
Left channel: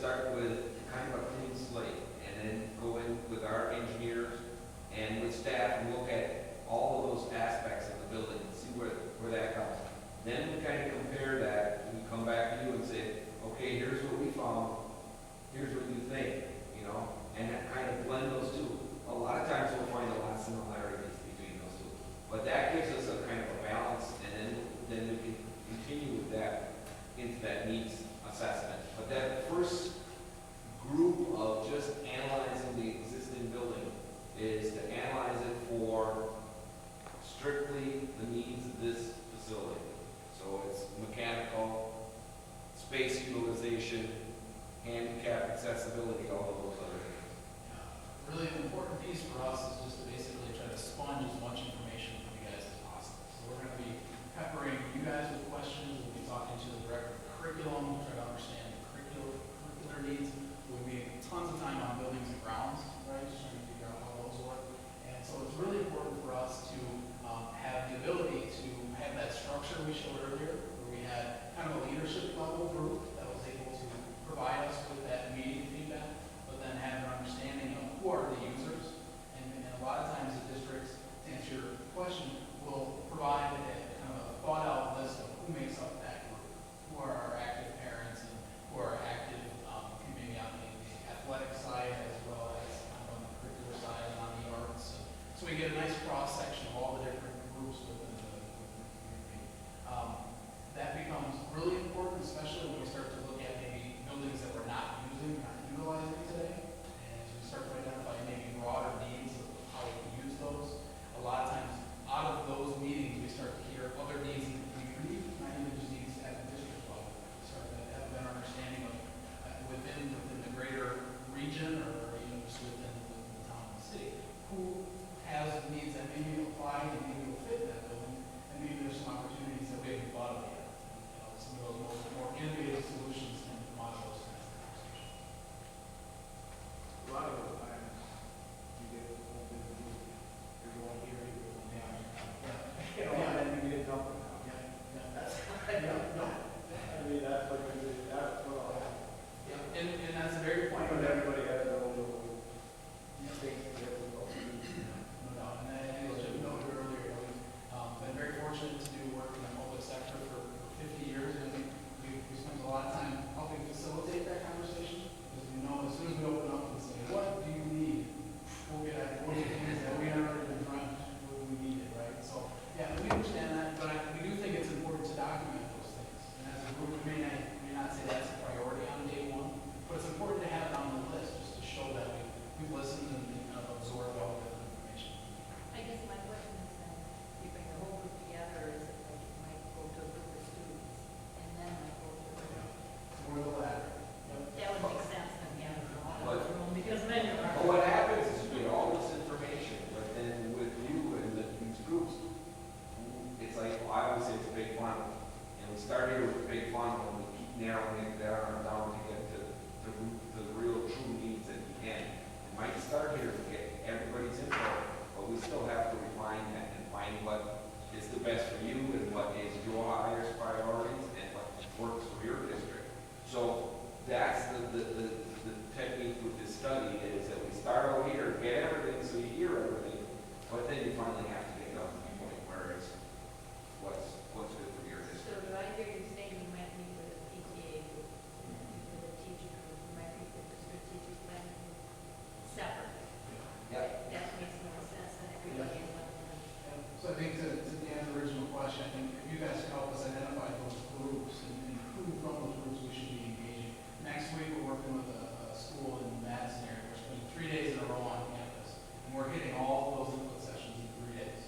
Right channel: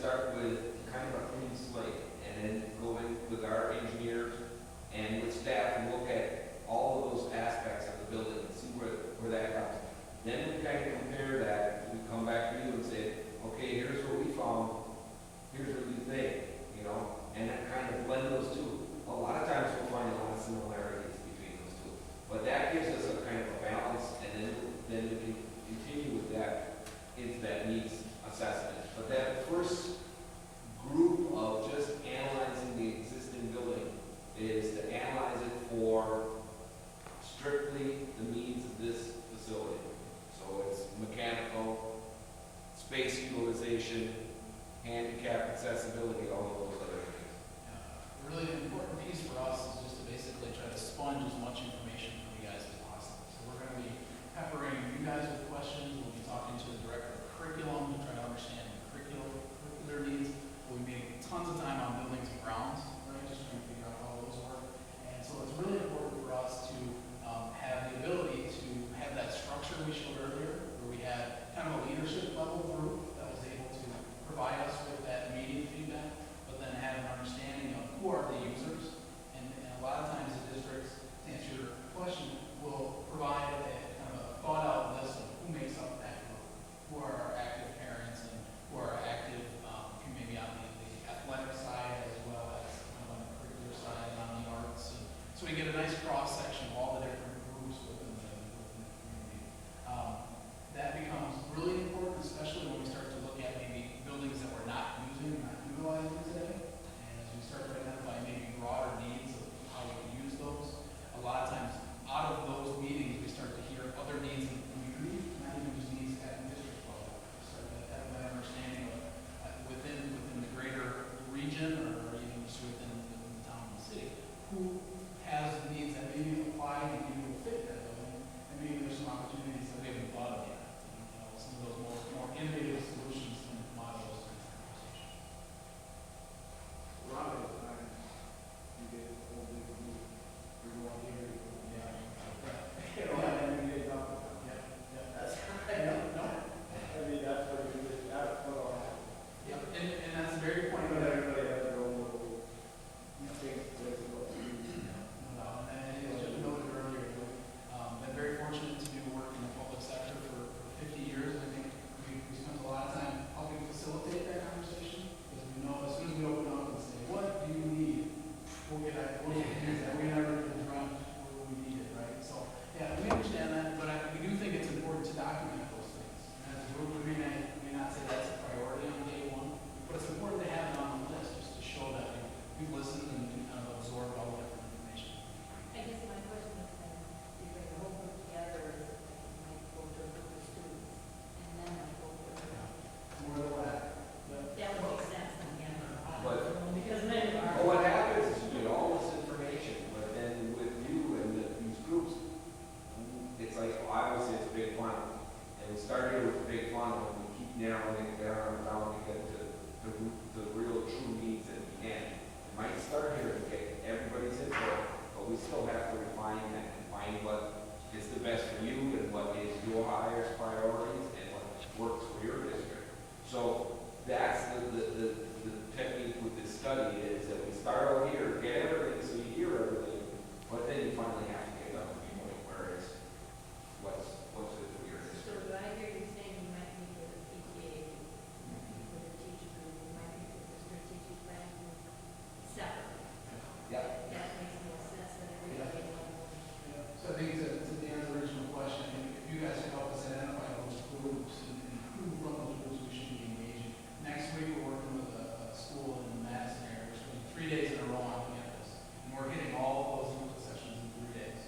start with kind of a clean slate, and then go in with our engineers and with staff and look at all of those aspects of the building and see where that comes. Then we kind of compare that, we come back to you and say, okay, here's what we found, here's what you think, you know, and that kind of blend those two. A lot of times we'll find a lot of similarities between those two, but that gives us a kind of a balance, and then we can continue with that into that needs assessment. But that first group of just analyzing the existing building is to analyze it for strictly the needs of this facility. So it's mechanical, space utilization, handicap accessibility, all of those other things. A really important piece for us is just to basically try to sponge as much information from you guys as possible. So we're going to be peppering you guys with questions. We'll be talking to the director of curriculum to try to understand the curricular needs. We make tons of time on buildings and grounds, right? Just trying to figure out how those work. And so it's really important for us to have the ability to have that structure we showed earlier, where we had kind of a leadership level group that was able to provide us with that immediate feedback, but then have an understanding of who are the users. And a lot of times the districts, to answer your question, will provide a kind of a thought out list of who makes up that group, who are our active parents and who are active maybe on the athletic side as well as on the curricular side and on the arts. And so we get a nice cross section of all the different groups within the community. That becomes really important, especially when we start to look at maybe buildings that we're not using, not utilizing today. And as we start to identify maybe broader needs of how we can use those, a lot of times out of those meetings we start to hear other needs in the community, not even just needs at the district level. We start to have that understanding of within the greater region or even just within the town and the city, who has needs that maybe apply and maybe will fit that building, and maybe there's some opportunities that we haven't thought of yet. And, you know, some of those more innovative solutions can come out of those kinds of conversations. A lot of those times, you get the whole big group, you're going here, you're going down, you know, and then you get dumped out. That's kind of, I mean, that's like, that's what all happens. Yeah, and that's a very point. Because everybody has their own little things to do. No doubt. And I think Jim noted earlier, we've been very fortunate to do work in the public sector for 50 years. And I think we spent a lot of time helping facilitate that conversation, because we know as soon as we open up and say, what do you need? We'll get things that we are in front when we need it, right? So, yeah, we understand that, but we do think it's important to document those things. And as a group, we may not say that's a priority on day one, but it's important to have it on the list just to show that we've listened and kind of absorbed all the different information. I guess my question is then, you bring the whole group together, is it like it might go to a group of students, and then might go to a group? More of the latter. That would make sense, then, yeah. But- Because then. But what happens is you get all this information, but then with you and these groups, it's like, well, I always say it's a big funnel. And we start here with a big funnel, and we keep narrowing it down to get to the real true needs at the end. It might start here to get everybody's input, but we still have to refine that and find what is the best for you and what is your highest priorities and what works for your district. So that's the technique with this study, is that we start over here, get everything so you hear everything, but then you finally have to get down to the point where it's what's good for your So district. do I hear you saying you might meet with a PTA group, you might meet with a teacher group, you might meet with a strategic plan group separately? Yeah. That makes more sense than everybody in one room. So I think to Dan's original question, I think if you guys can help us identify those groups and who from those groups we should be engaging. Next week, we're working with a school in the Madison area. We're spending 3 days in a row on campus, and we're hitting all of those input sessions in 3 days.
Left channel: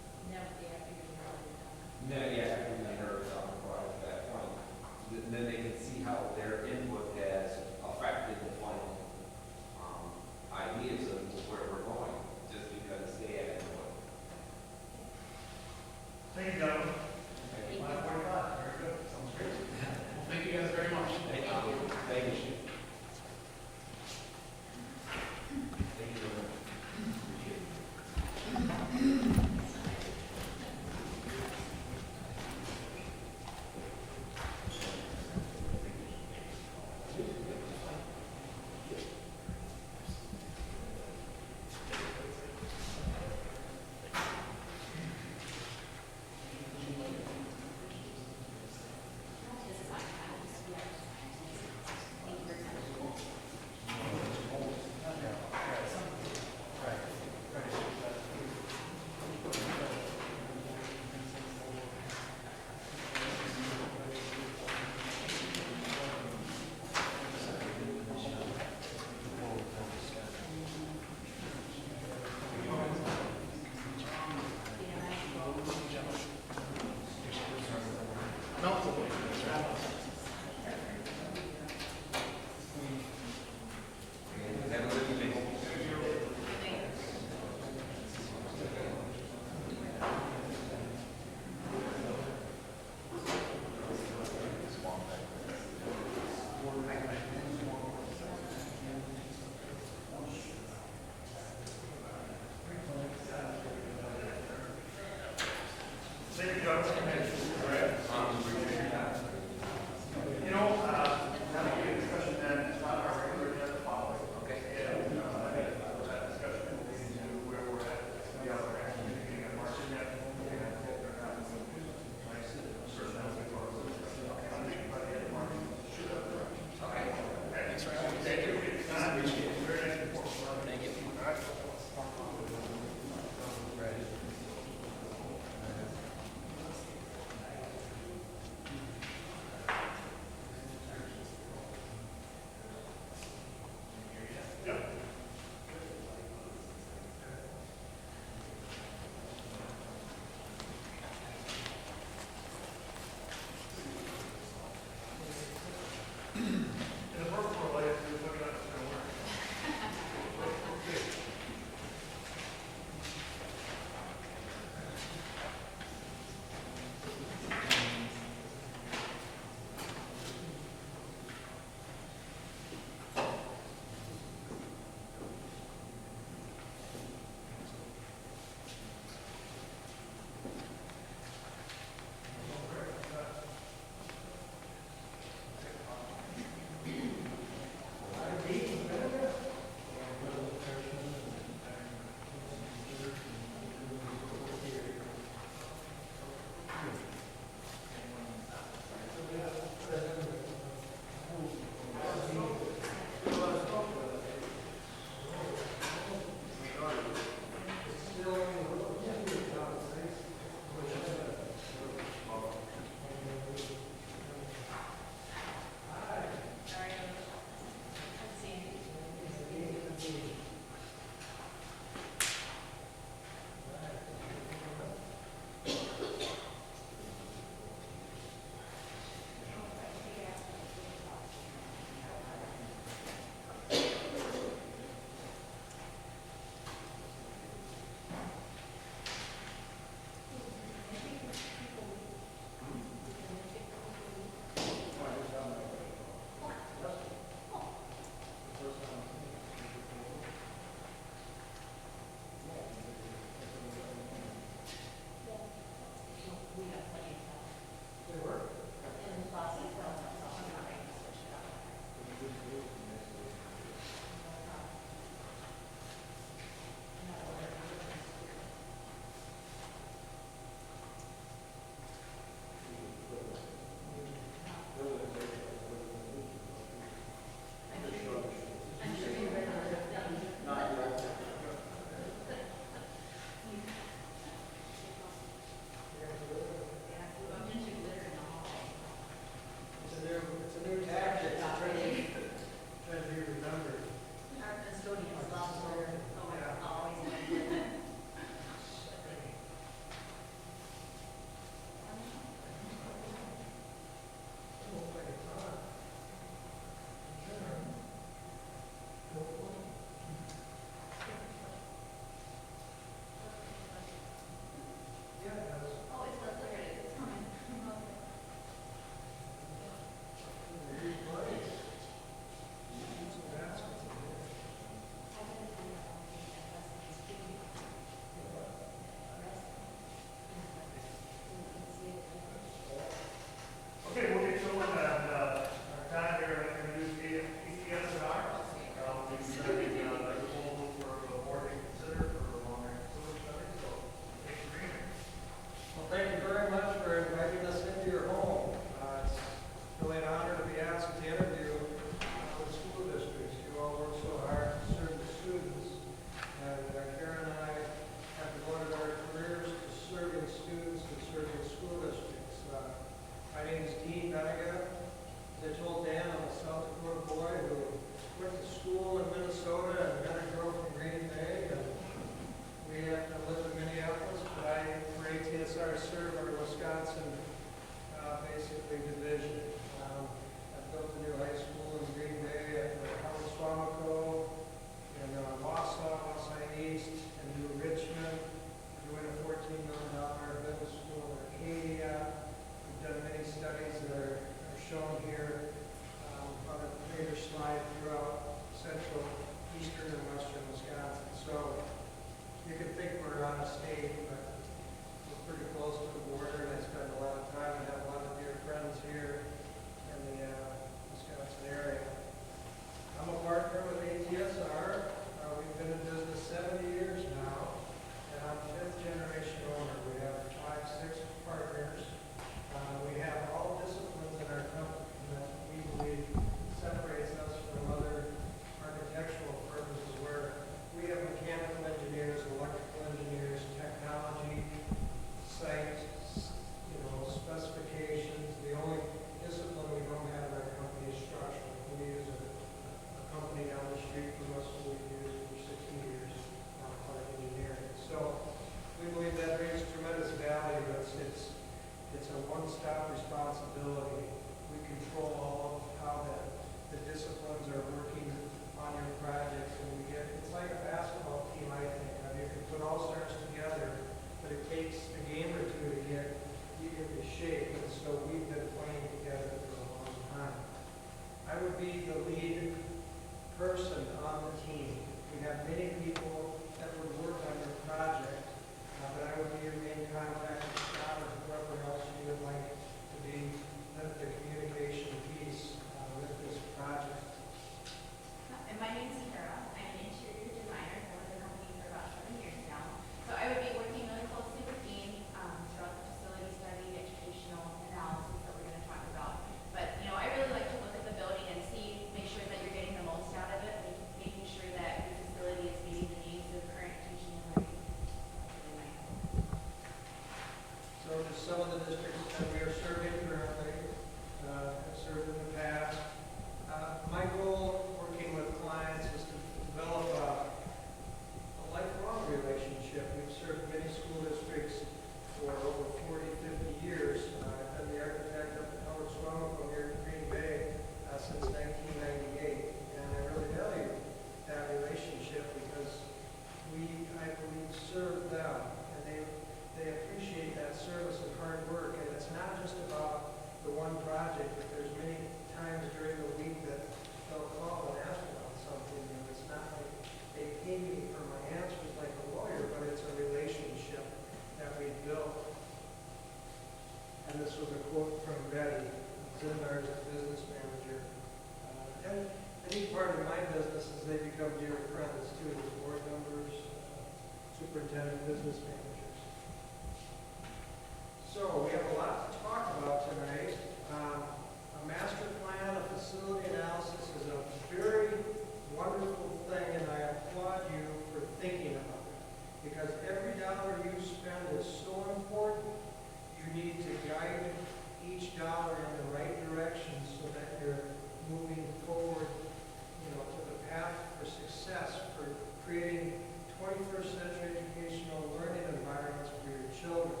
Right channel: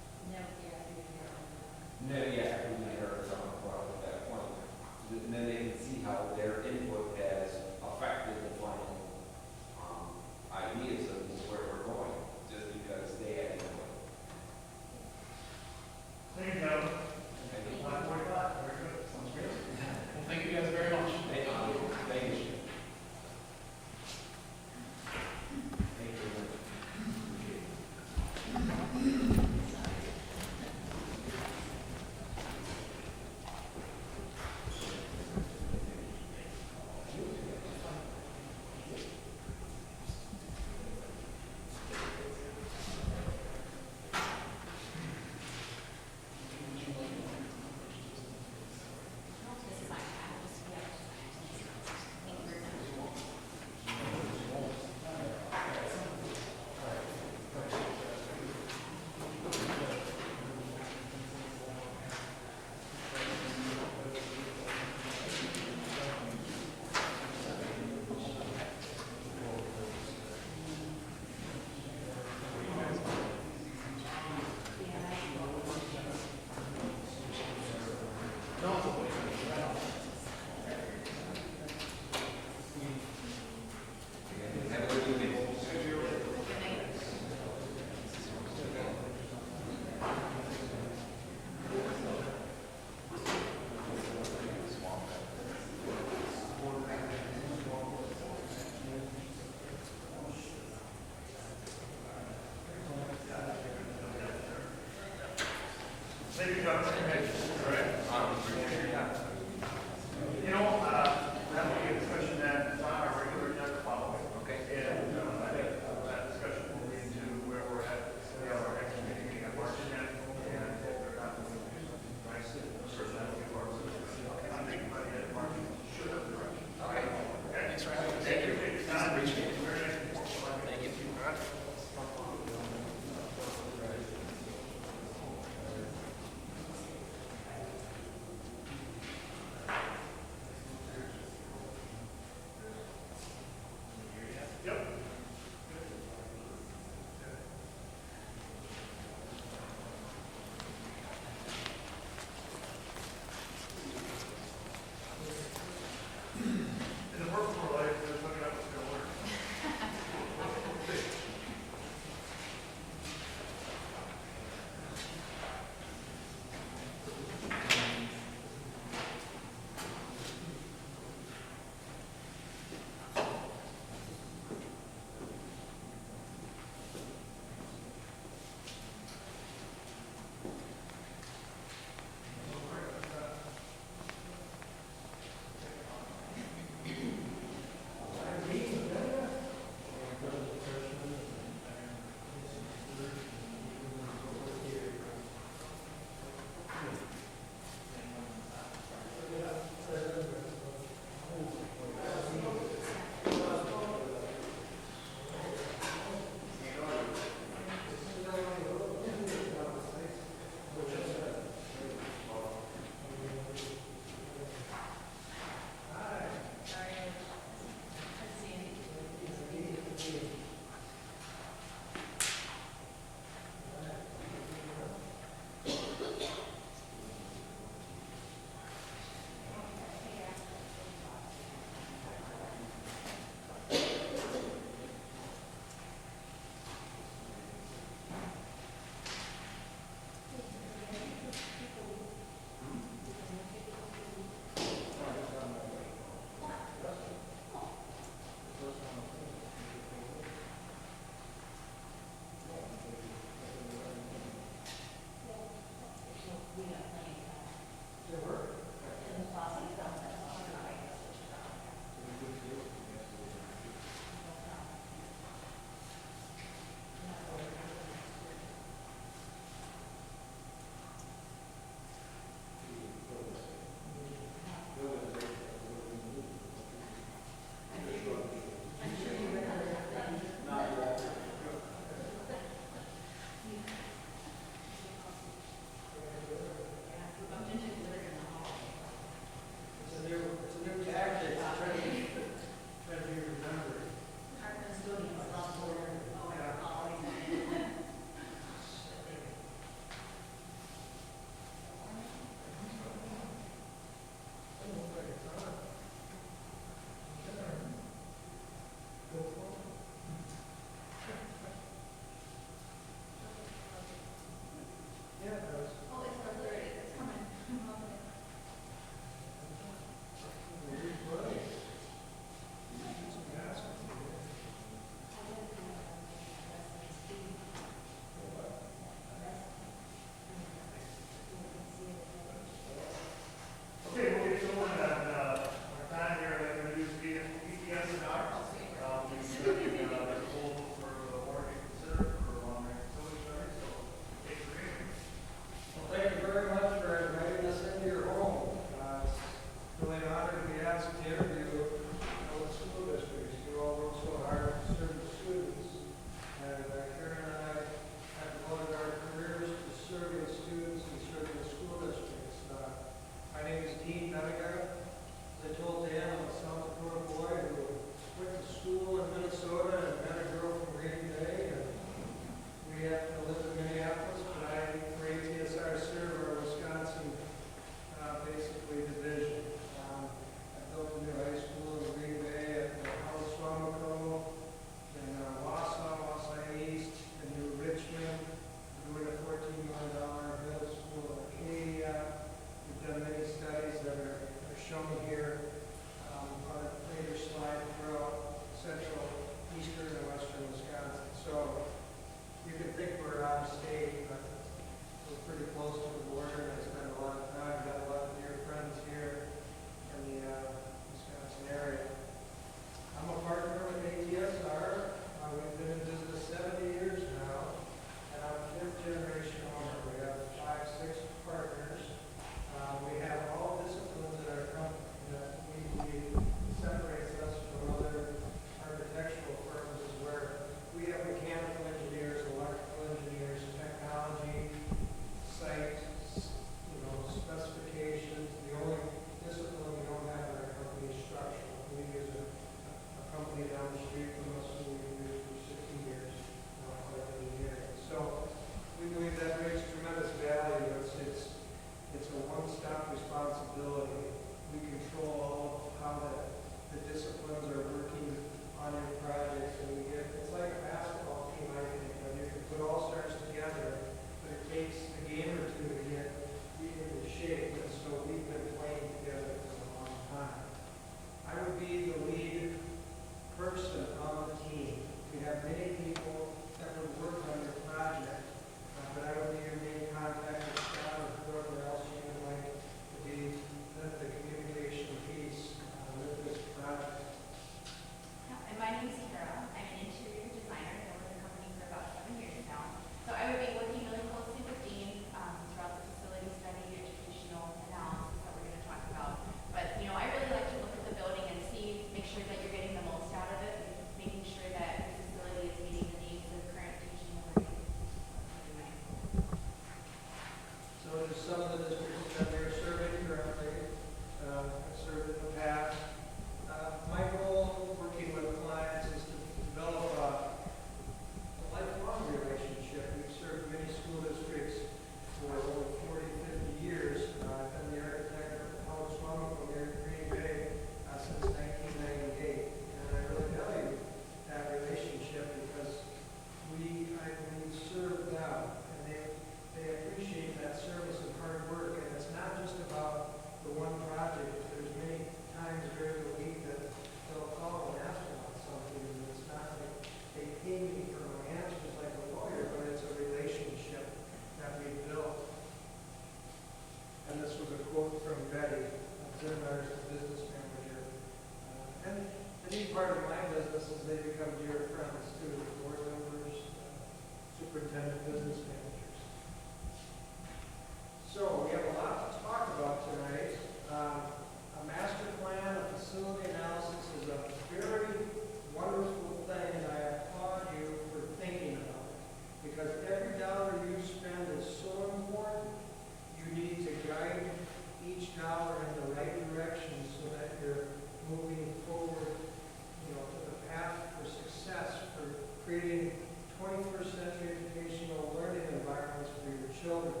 creating 21st century educational learning environments for your children.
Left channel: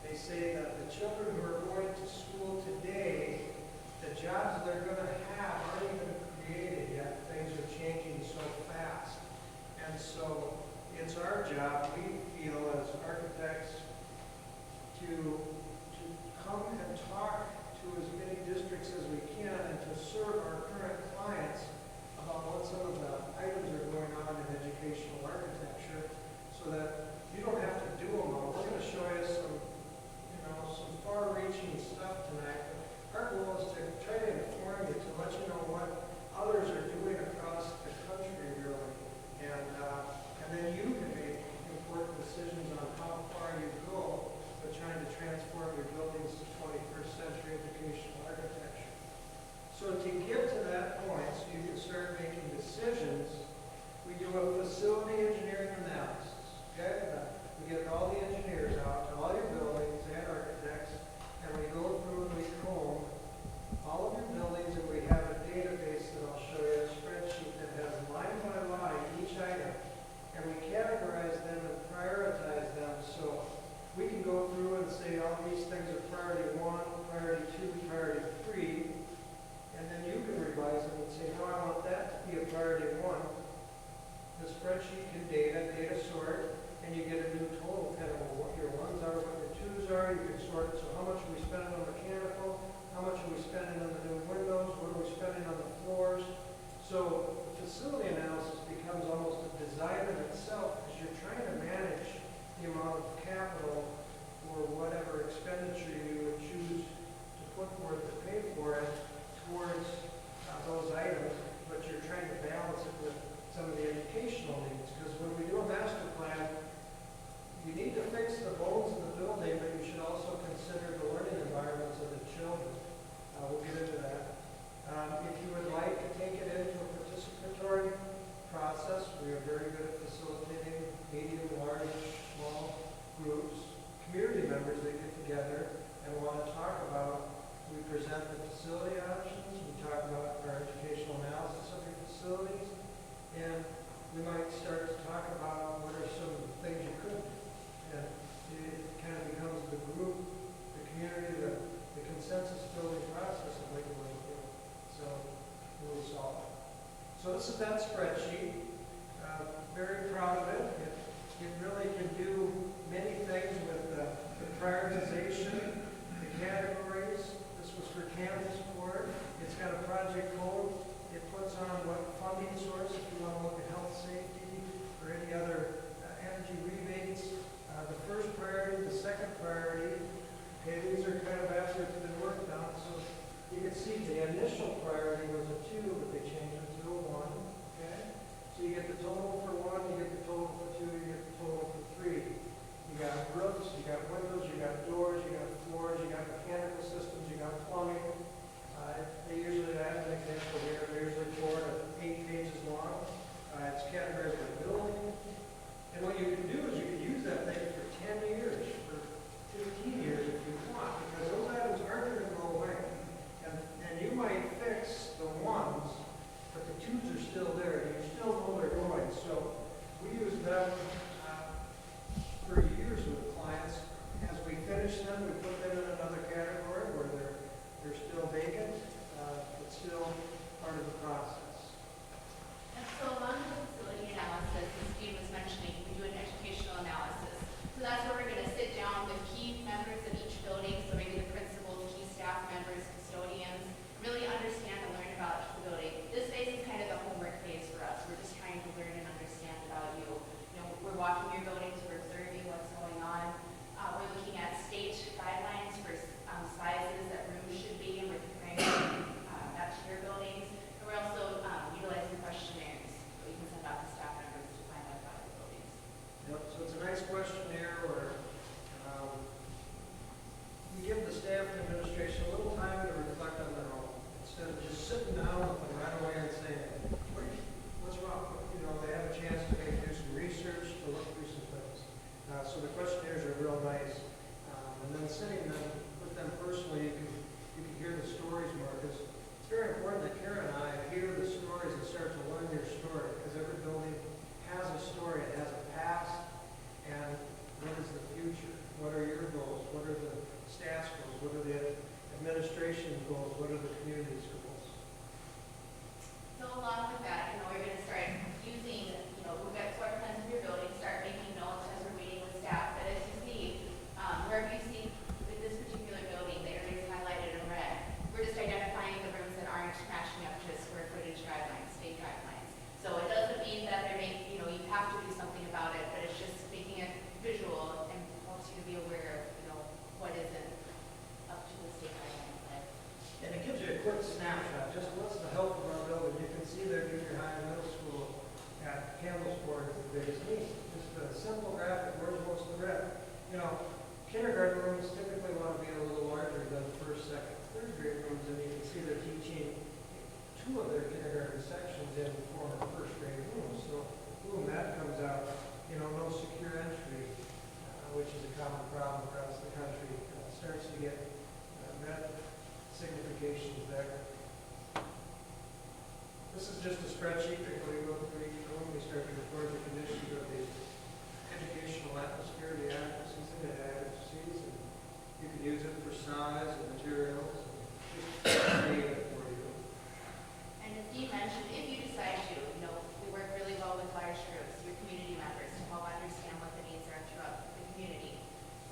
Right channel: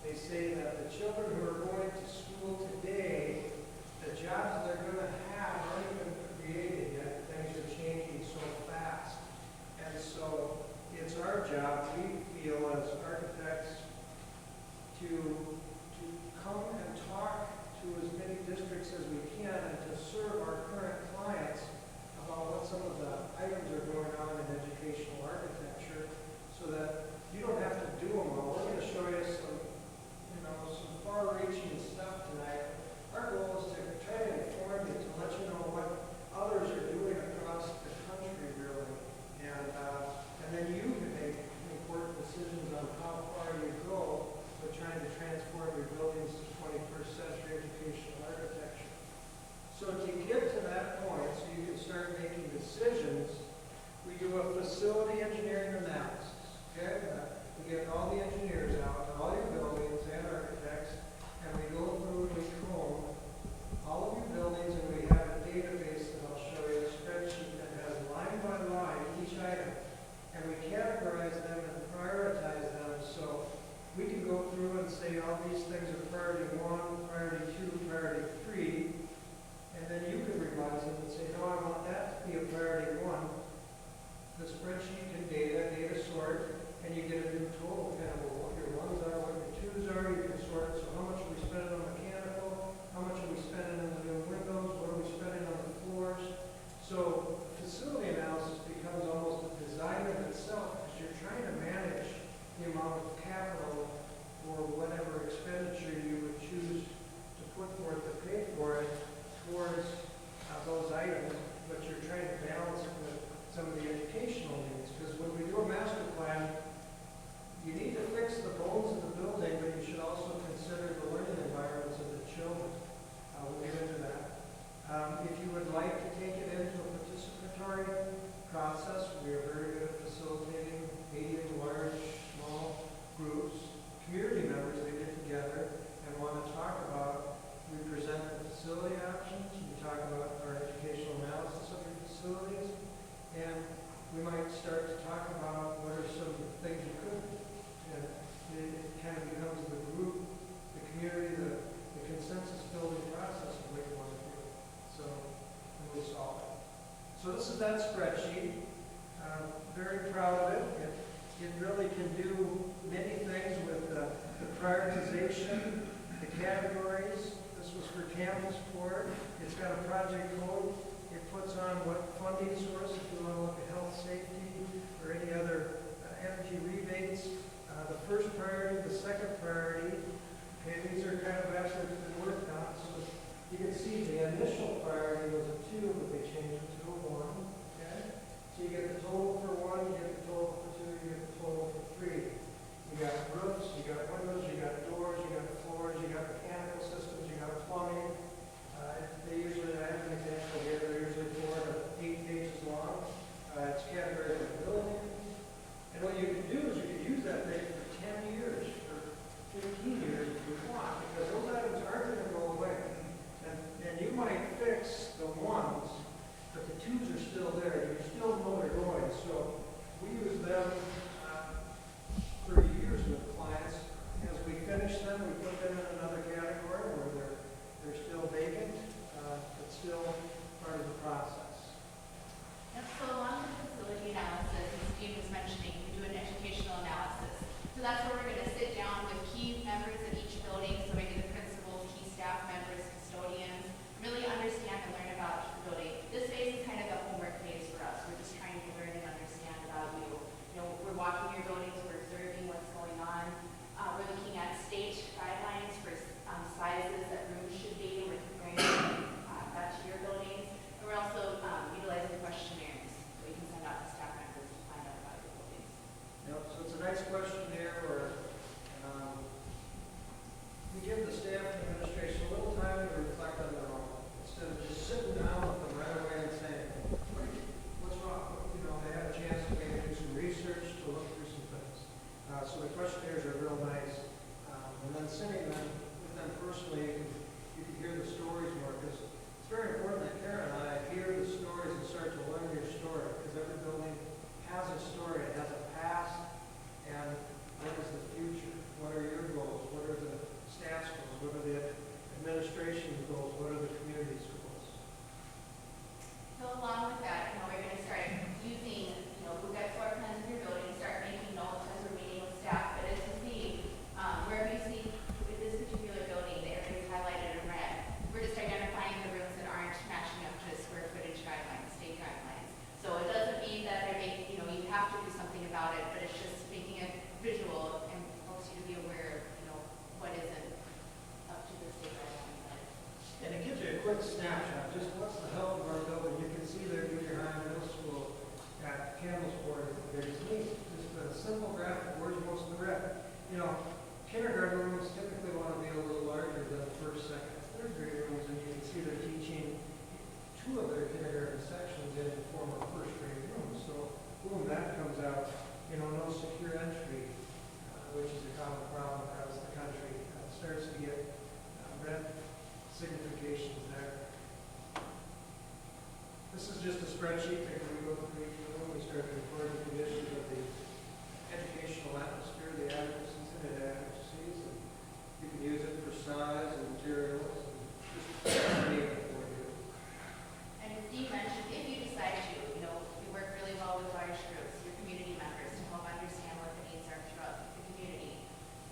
They say that the children who are going to school today, the jobs they're going to have aren't even created yet. Things are changing so fast. And so it's our job, we feel as architects, to come and talk to as many districts as we can and to serve our current clients about what some of the items are going on in educational architecture so that you don't have to do them all. We're going to show you some far-reaching stuff tonight. Our goal is to try to inform you, to let you know what others are doing across the country, really. And then you can make important decisions on how far you go with trying to transform your buildings to 21st century educational architecture. So to get to that point, so you can start making decisions, we do a facility engineering analysis. Okay? We get all the engineers out, all your buildings and architects, and we go through and we comb all of your buildings, and we have a database that I'll show you, a spreadsheet that has line by line each item, and we categorize them and prioritize them so we can go through and say, oh, these things are priority 1, priority 2, priority 3, and then you can revise them and say, no, I want that to be a priority 1. The spreadsheet can data sort, and you get a new total, kind of what your 1s are, what your 2s are, you can sort it, so how much are we spending on mechanical, how much are we spending on the new windows, what are we spending on the floors. So facility analysis becomes almost a design in itself because you're trying to manage the amount of capital or whatever expenditure you would choose to put forth to pay for it towards those items, but you're trying to balance it with some of the educational needs. Because when we do a master plan, you need to fix the bones of the building, but you should also consider the learning environments of the children. We'll get into that. If you would like to take it into a participatory process, we are very good at facilitating medium, large, small groups, community members that get together and want to talk about. We present the facility options, we talk about our educational analysis of your facilities, and we might start to talk about what are some things you could do. And it kind of becomes the group, the community, the consensus building process of what you want to do. So we'll solve it. So this is that spreadsheet. Very proud of it. It really can do many things with the prioritization, the categories. This was for campus board. It's got a project code. It puts on what funding source, if you want to look at health, safety, or any other energy rebates. The first priority, the second priority. Okay, these are kind of after it's been worked on. So you can see the initial priority was a 2, but they changed it to a 1. Okay? So you get the total for 1, you get the total for 2, you get the total for 3. You got roofs, you got windows, you got doors, you got floors, you got mechanical systems, you got plumbing. They usually, as an example here, they're usually 4 to 8 pages long. It's categorized by building. And what you can do is you can use that thing for 10 years, for 15 years if you want, because those items aren't going to go away. And you might fix the 1s, but the 2s are still there, and you still know they're going. So we use them for years with clients. As we finish them, we put them in another category where they're still vacant, but still part of the process. And so along with the facility analysis, as Steve was mentioning, we do an educational analysis. So that's where we're going to sit down with key members of each building, so maybe the principals, key staff members, custodians, really understand and learn about the building. This phase is kind of the homework phase for us. We're just trying to learn and understand about you. We're goals, what are the community's goals? So along with that, we're going to start using, we've got floor plans of your building, start making notes as we're meeting with staff. But as you see, wherever you see with this particular building, the areas highlighted in red, we're just identifying the rooms that aren't matching up to square footage guidelines, state guidelines. So it doesn't mean that they're making, you have to do something about it, but it's just making it visual and helps you to be aware of, what isn't up to the state guidelines. And it gives you a quick snapshot, just what's the health of our building. You can see that junior high and middle school at Campbellsport is the biggest need. Just a simple graphic, where's most of the red? Kindergarten rooms typically want to be a little larger than first, second, third grade rooms, and you can see they're teaching two of their kindergarten sections in former first grade rooms. So, boom, that comes out. No secure entry, which is a common problem across the country. Starts to get red significations there. This is just a spreadsheet that we go through each room. We start to record the conditions of the educational atmosphere, the adequacies and inadequacies, and you can use it for size and materials and just data for you. And as Steve mentioned, if you decide to, we work really well with large groups, your community members, to help understand what the needs are throughout the community.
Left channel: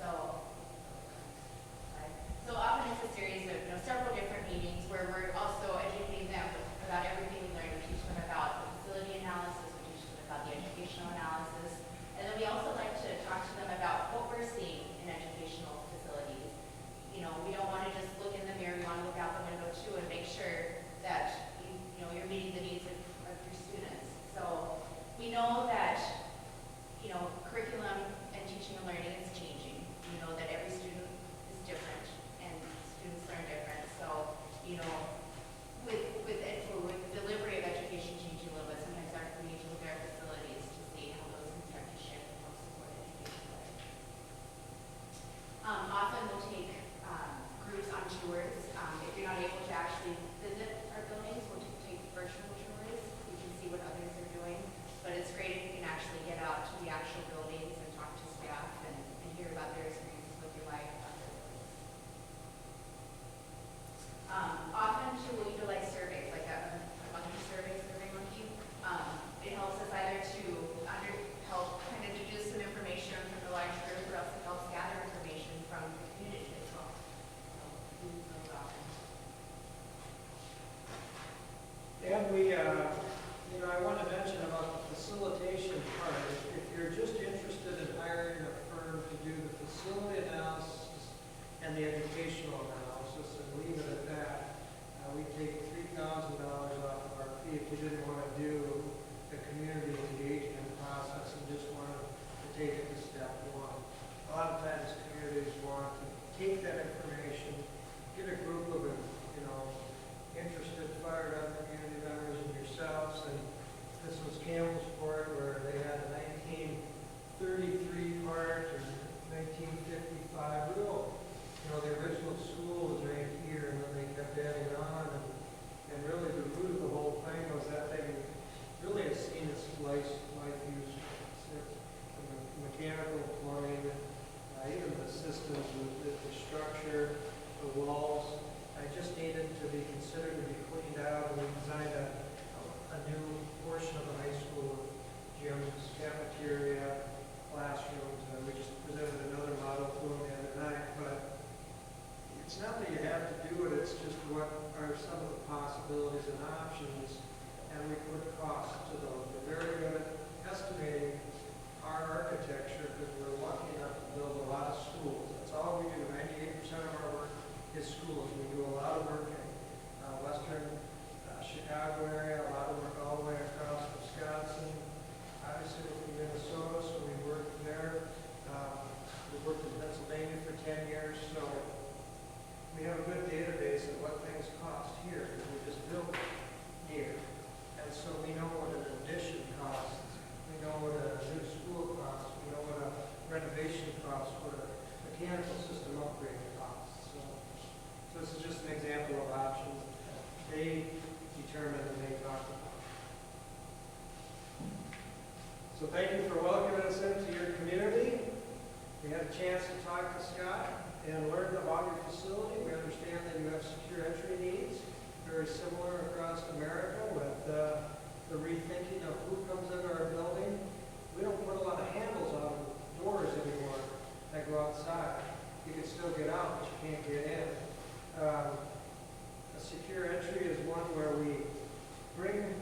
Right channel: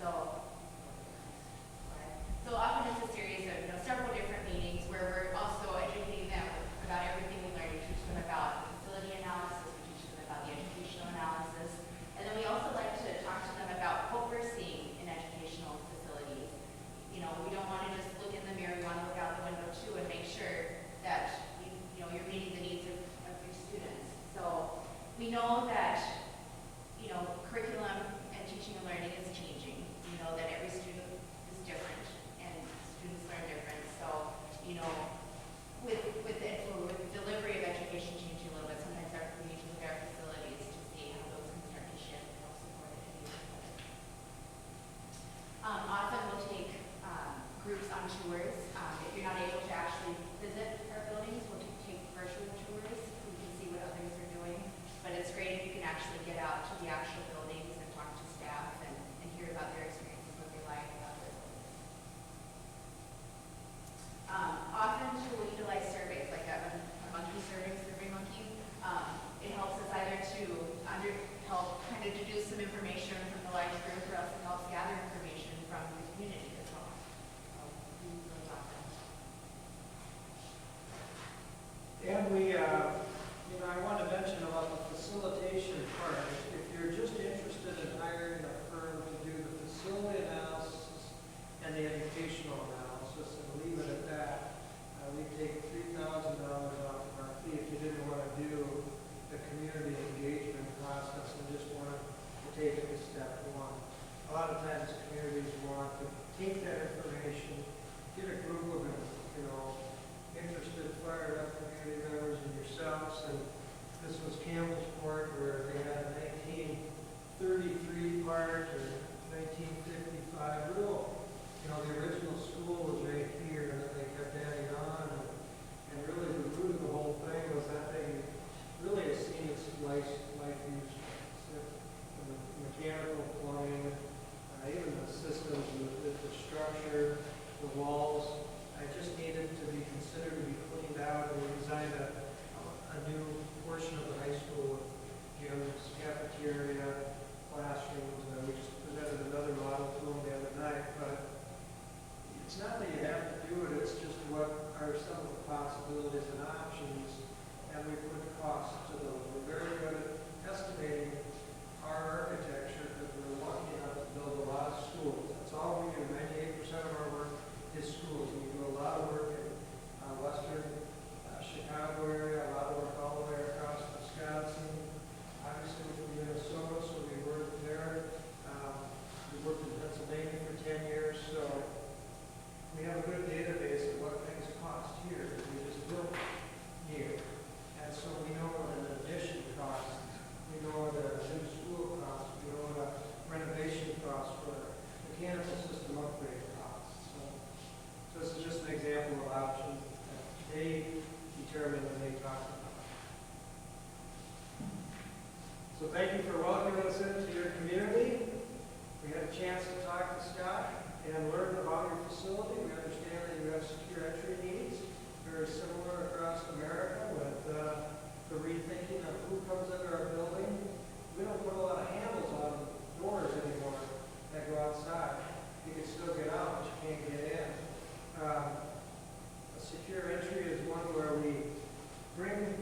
So often it's a series of several different meetings where we're also educating them about everything we're going to teach them about the facility analysis, we teach them about the educational analysis, and then we also like to talk to them about what we're seeing in educational facilities. We don't want to just look in the mirror, we want to look out the window too and make sure that you're meeting the needs of your students. So we know that curriculum and teaching and learning is changing. We know that every student is different and students learn different. So with delivery of education changing a little bit, sometimes we need to look at our facilities to see how those can start to shift and help support education. Often we'll take groups on tours. If you're not able to actually visit our buildings, we'll take virtual tours. We can see what others are doing. But it's great if you can actually get out to the actual buildings and talk to staff and hear about their experiences, what they like about their buildings. Often too, we'll utilize surveys, like a monkey survey, Survey Monkey. It helps us either to help kind of deduce some information from the large group, or else it helps gather information from the community as well. We use those often. And I want to mention about the facilitation part. If you're just interested in hiring a firm to do the facility analysis and the educational analysis and leave it at that, we take $3,000 off of our fee. If you didn't want to do the community engagement process and just wanted to take it to step one. A lot of times communities want to take that information, get a group of interested, fired up community members and yourselves, and this was Campbellsport where they had a 1933 part or 1955 rule. The original school was right here, and then they kept adding on, and really the root of the whole thing was that thing really has seen its life use. The mechanical plumbing, even the systems, the structure, the walls, it just needed to be considered to be cleaned out, and we designed a new portion of the high school, gyms, cafeteria, classrooms, and we just presented another model to them the other night. But it's not that you have to do it, it's just what are some of the possibilities and options, and we put costs to those. We're very good at estimating our architecture because we're lucky enough to build a lot of schools. That's all we do. 98% of our work is schools. We do a lot of work in western Chicago area, a lot of work all the way across Wisconsin, obviously with Minnesota, so we worked there. We worked in Pennsylvania for 10 years, so we have a good database of what things cost here that we just built here. And so we know what an addition costs, we know what a new school costs, we know what a renovation costs for a mechanical system upgrade costs. So this is just an example of options that they determine and they talk about. So thank you for welcoming us into your community. We had a chance to talk to Scott. and learn about your facility. We understand that you have secure entry needs, very similar across America with the rethinking of who comes into our building. We don't put a lot of handles on doors anymore that go outside. You can still get out, but you can't get in. A secure entry is one where we bring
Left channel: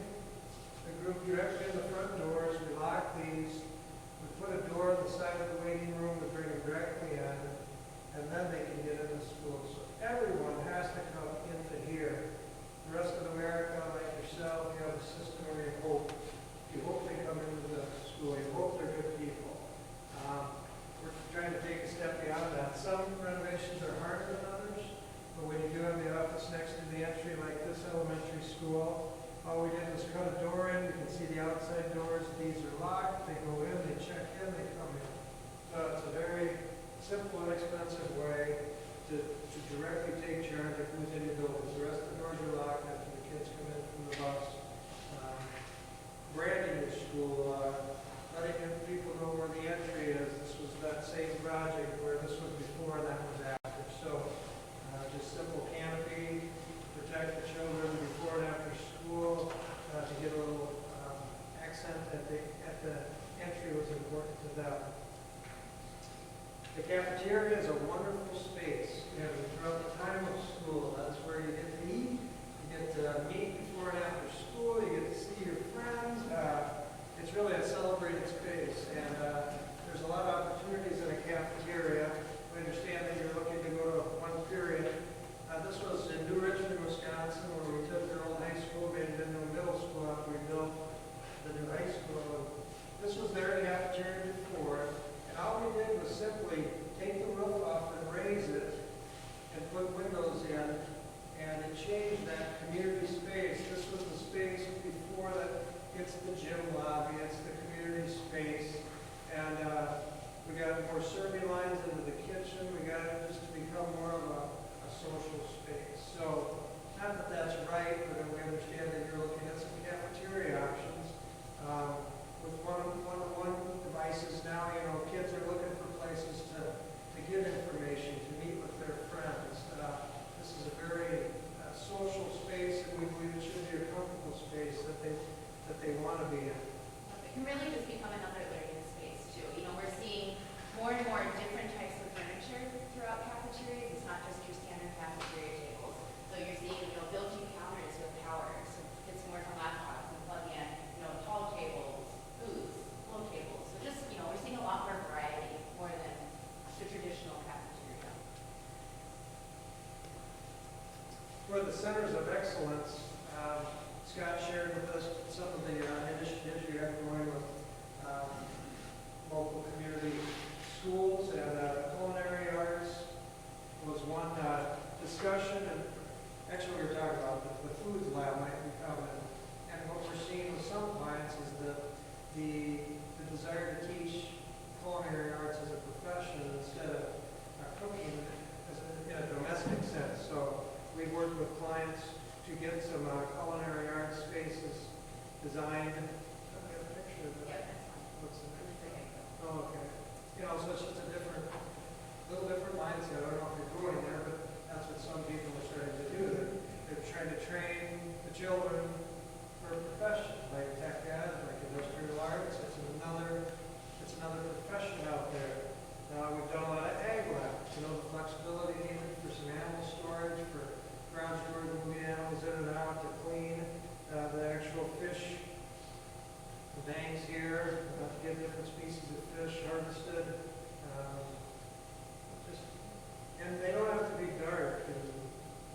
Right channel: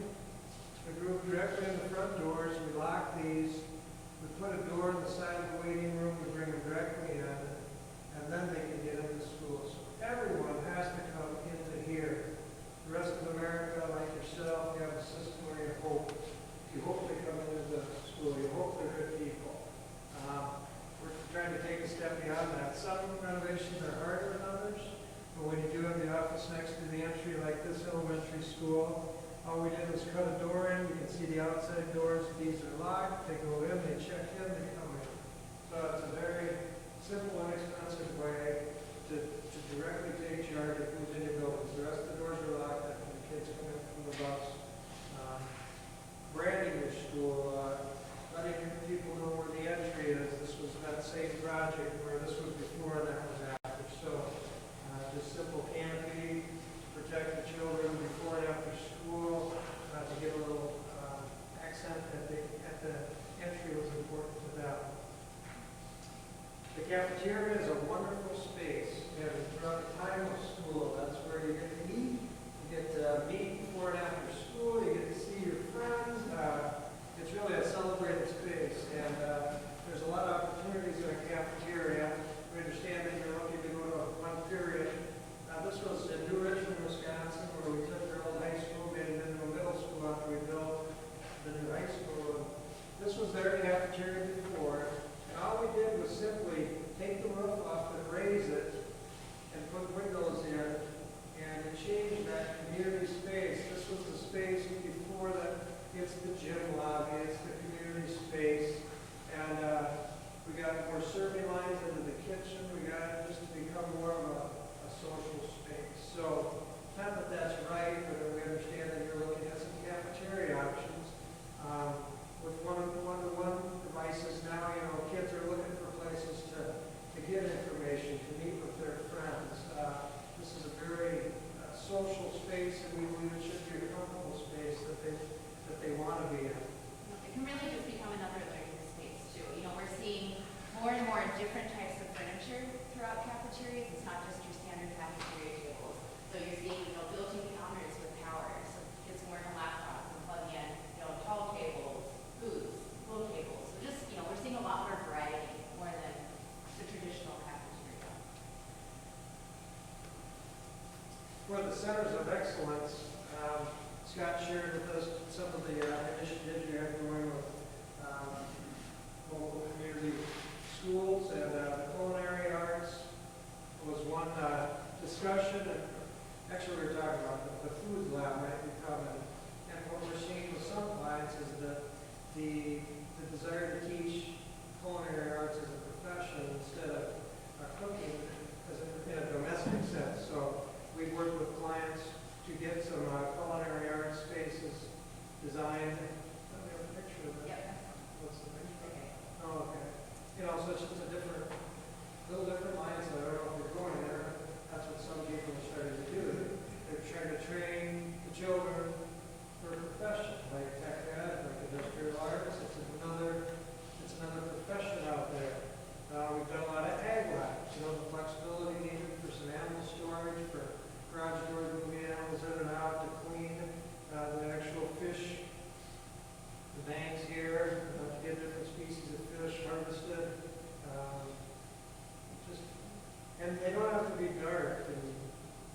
the group directly in the front doors. We lock these. We put a door on the side of the waiting room. We bring them directly in, and then they can get into school. So everyone has to come into here. The rest of America, like yourself, you have a system where you hope. You hope they come into the school. You hope they're good people. We're trying to take a step beyond that. Some renovations are harder than others. But when you do have the office next to the entry, like this elementary school, all we did was cut a door in. You can see the outside doors. These are locked. They go in, they check in, they come in. So it's a very simple, inexpensive way to directly take charge of who's in your buildings. The rest of the doors are locked after the kids come in from the bus. Branding your school, letting people know where the entry is. This was that same project where this was before and that was after. So just simple canopy, protect the children before and after school, to get a little accent at the entry was important to them. The cafeteria is a wonderful space. And throughout the time of school, that's where you get to eat, you get to meet before and after school, you get to see your friends. It's really a celebrated space, and there's a lot of opportunities in a cafeteria. We understand that you're looking to go to one period. This was in New Richmond, Wisconsin, where we took their old high school, made it into a middle school after we built the new high school. This was their cafeteria before, and all we did was simply take the roof off and raise it and put windows in, and to change that community space. This was the space before that. It's the gym lobby, it's the community space, and we got more serving lines into the kitchen. We got it just to become more of a social space. So, not that that's right, but we understand that you're looking at some cafeteria options. With one-to-one devices now, kids are looking for places to get information, to meet with their friends. This is a very social space, and we believe it should be a comfortable space that they want to be in. It can really just become another learning space too. We're seeing more and more different types of furniture throughout cafeterias. It's not just your standard cafeteria tables. So you're seeing, built-in counters with power, so kids can work on laptops and plug in, tall tables, booths, low tables. So just, we're seeing a lot more variety, more than the traditional cafeteria. For the centers of excellence, Scott shared with us some of the initiatives you have going with local community schools, and culinary arts was one discussion. And actually, we were talking about the food lab might be coming. And what we're seeing with some clients is the desire to teach culinary arts as a profession instead of cooking in a domestic sense. So we work with clients to get some culinary arts spaces designed. Oh, we have a picture of that. What's the picture? Oh, okay. So it's just a little different mindset. I don't know if you're going there, but that's what some people are starting to do. They're trying to train the children for a profession, like tech ed, like industrial arts. It's another profession out there. We've done a lot of ag labs, the flexibility needed for some animal storage, for garage doors, moving animals in and out to clean the actual fish, the banks here, to get different species of fish harvested. And they don't have to be dark and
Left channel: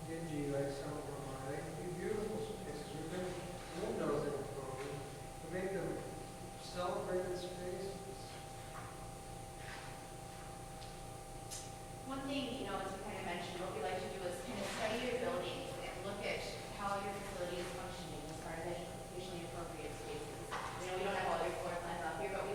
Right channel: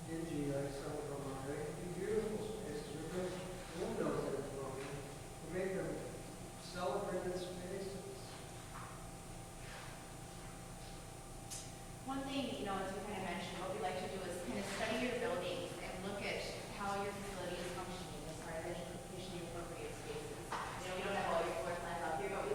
dingy like some of them are. They can be beautiful spaces. We put windows in for them to make them celebrated spaces. One thing, as you kind of mentioned, what we like to do is kind of study your buildings and look at how your facility is functioning as far as educationally appropriate spaces. We don't have all your floor plans up here, but we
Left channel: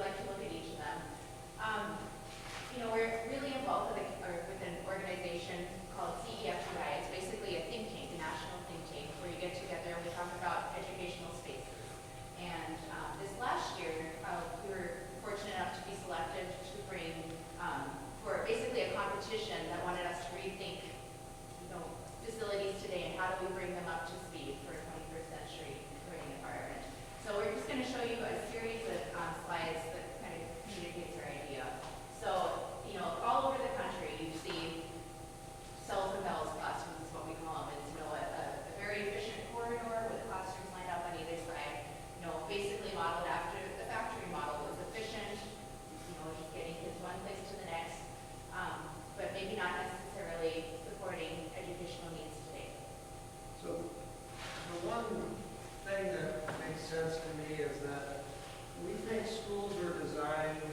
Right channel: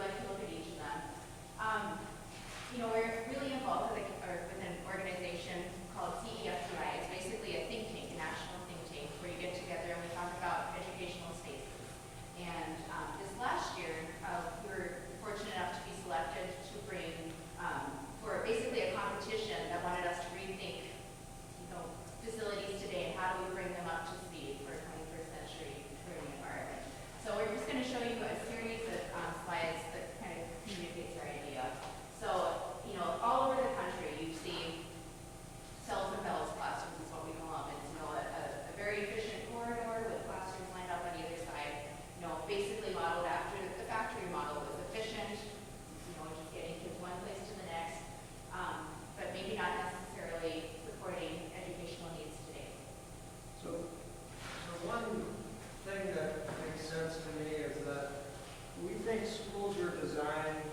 schools were designed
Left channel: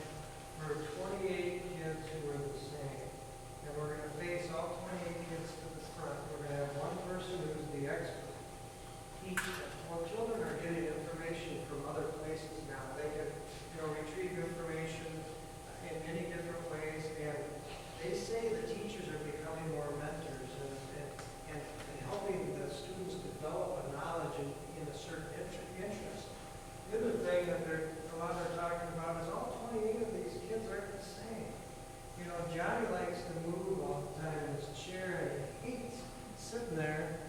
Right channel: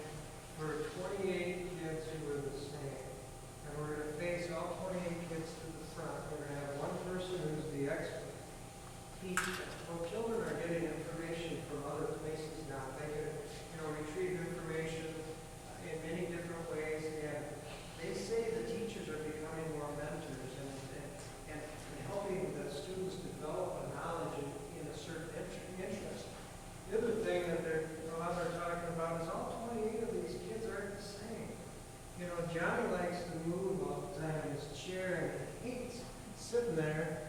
for 28 kids who were the same. And we're going to face all 28 kids to the front. We're going to have one person who's the expert. Teach them. Well, children are getting information from other places now. They can, retrieve information in many different ways. And they say the teachers are becoming more mentors and helping the students develop a knowledge in a certain interest. The other thing that a lot are talking about is all 28 of these kids aren't the same. Johnny likes to move all the time in his chair and he hates sitting there.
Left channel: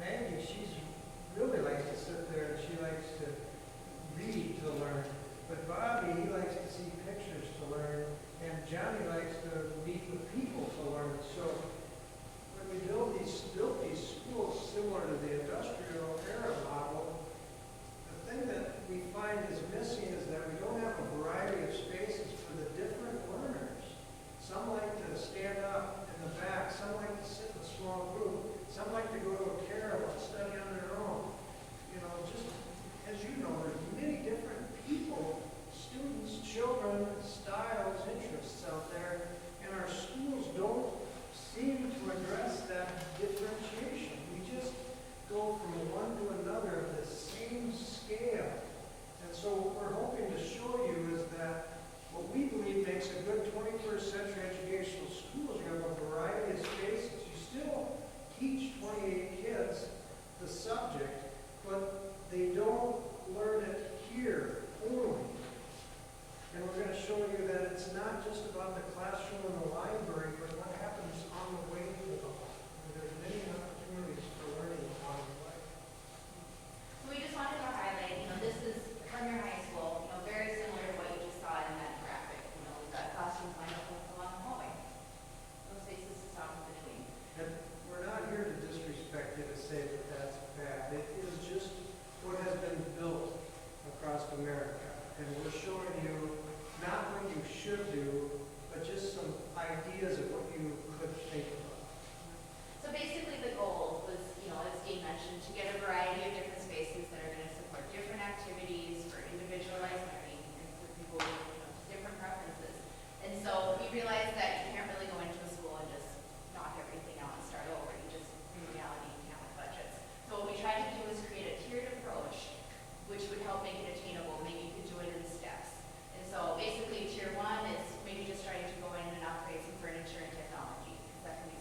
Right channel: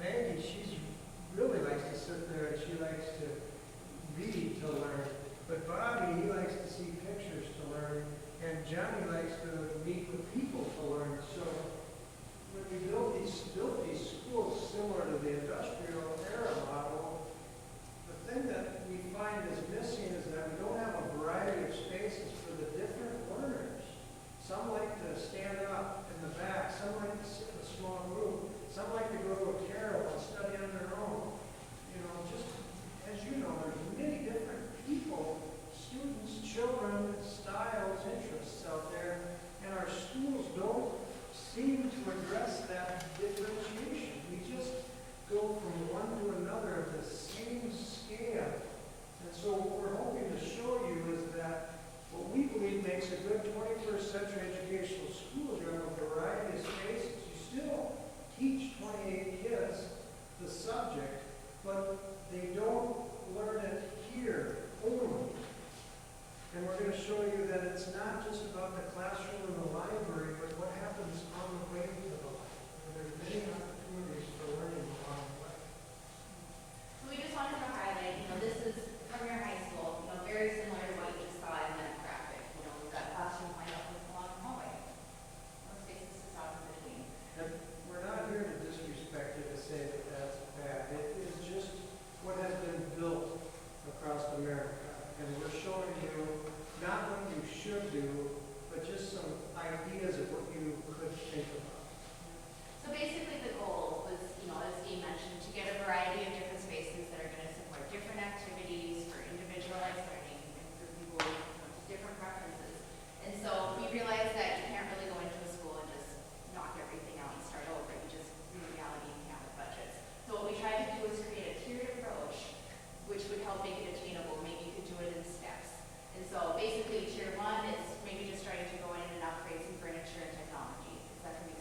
Maggie, she really likes to sit there and she likes to read to learn. But Bobby, he likes to see pictures to learn. And Johnny likes to meet with people to learn. So when we built these schools similar to the industrial era model, the thing that we find is missing is that we don't have a variety of spaces for the different learners. Some like to stand up in the back. Some like to sit in a small group. Some like to go to a carol and study on their own. Just as you know, there's many different people, students, children, styles, interests out there, and our schools don't seem to address that differentiation. We just go from one to another at the same scale. And so what we're hoping to show you is that what we believe makes a good 21st century educational school is around a variety of spaces. You still teach 28 kids the subject, but they don't learn it here only. And we're going to show you that it's not just about the classroom and the library, but what happens on the way to the library. There's many opportunities for learning along the way. We just wanted to highlight, this is Premier High School, very similar to what you just saw in that graphic. We've got classrooms lined up along the hallway. No spaces to stop in between. And we're not here to disrespect you to say that that's bad. It is just what has been built across America. And we're showing you not what you should do, but just some ideas of what you could think about. So basically the goal was, as Dean mentioned, to get a variety of different spaces that are going to support different activities for individualized learning and for people with different preferences. And so we realized that you can't really go into a school and just knock everything out and start over. You just, in reality, you can't have budgets. So what we tried to do is create a tiered approach, which would help make it attainable. Maybe you could do it in steps. And so basically tier 1 is maybe just starting to go in and upgrade some furniture and technology. That can be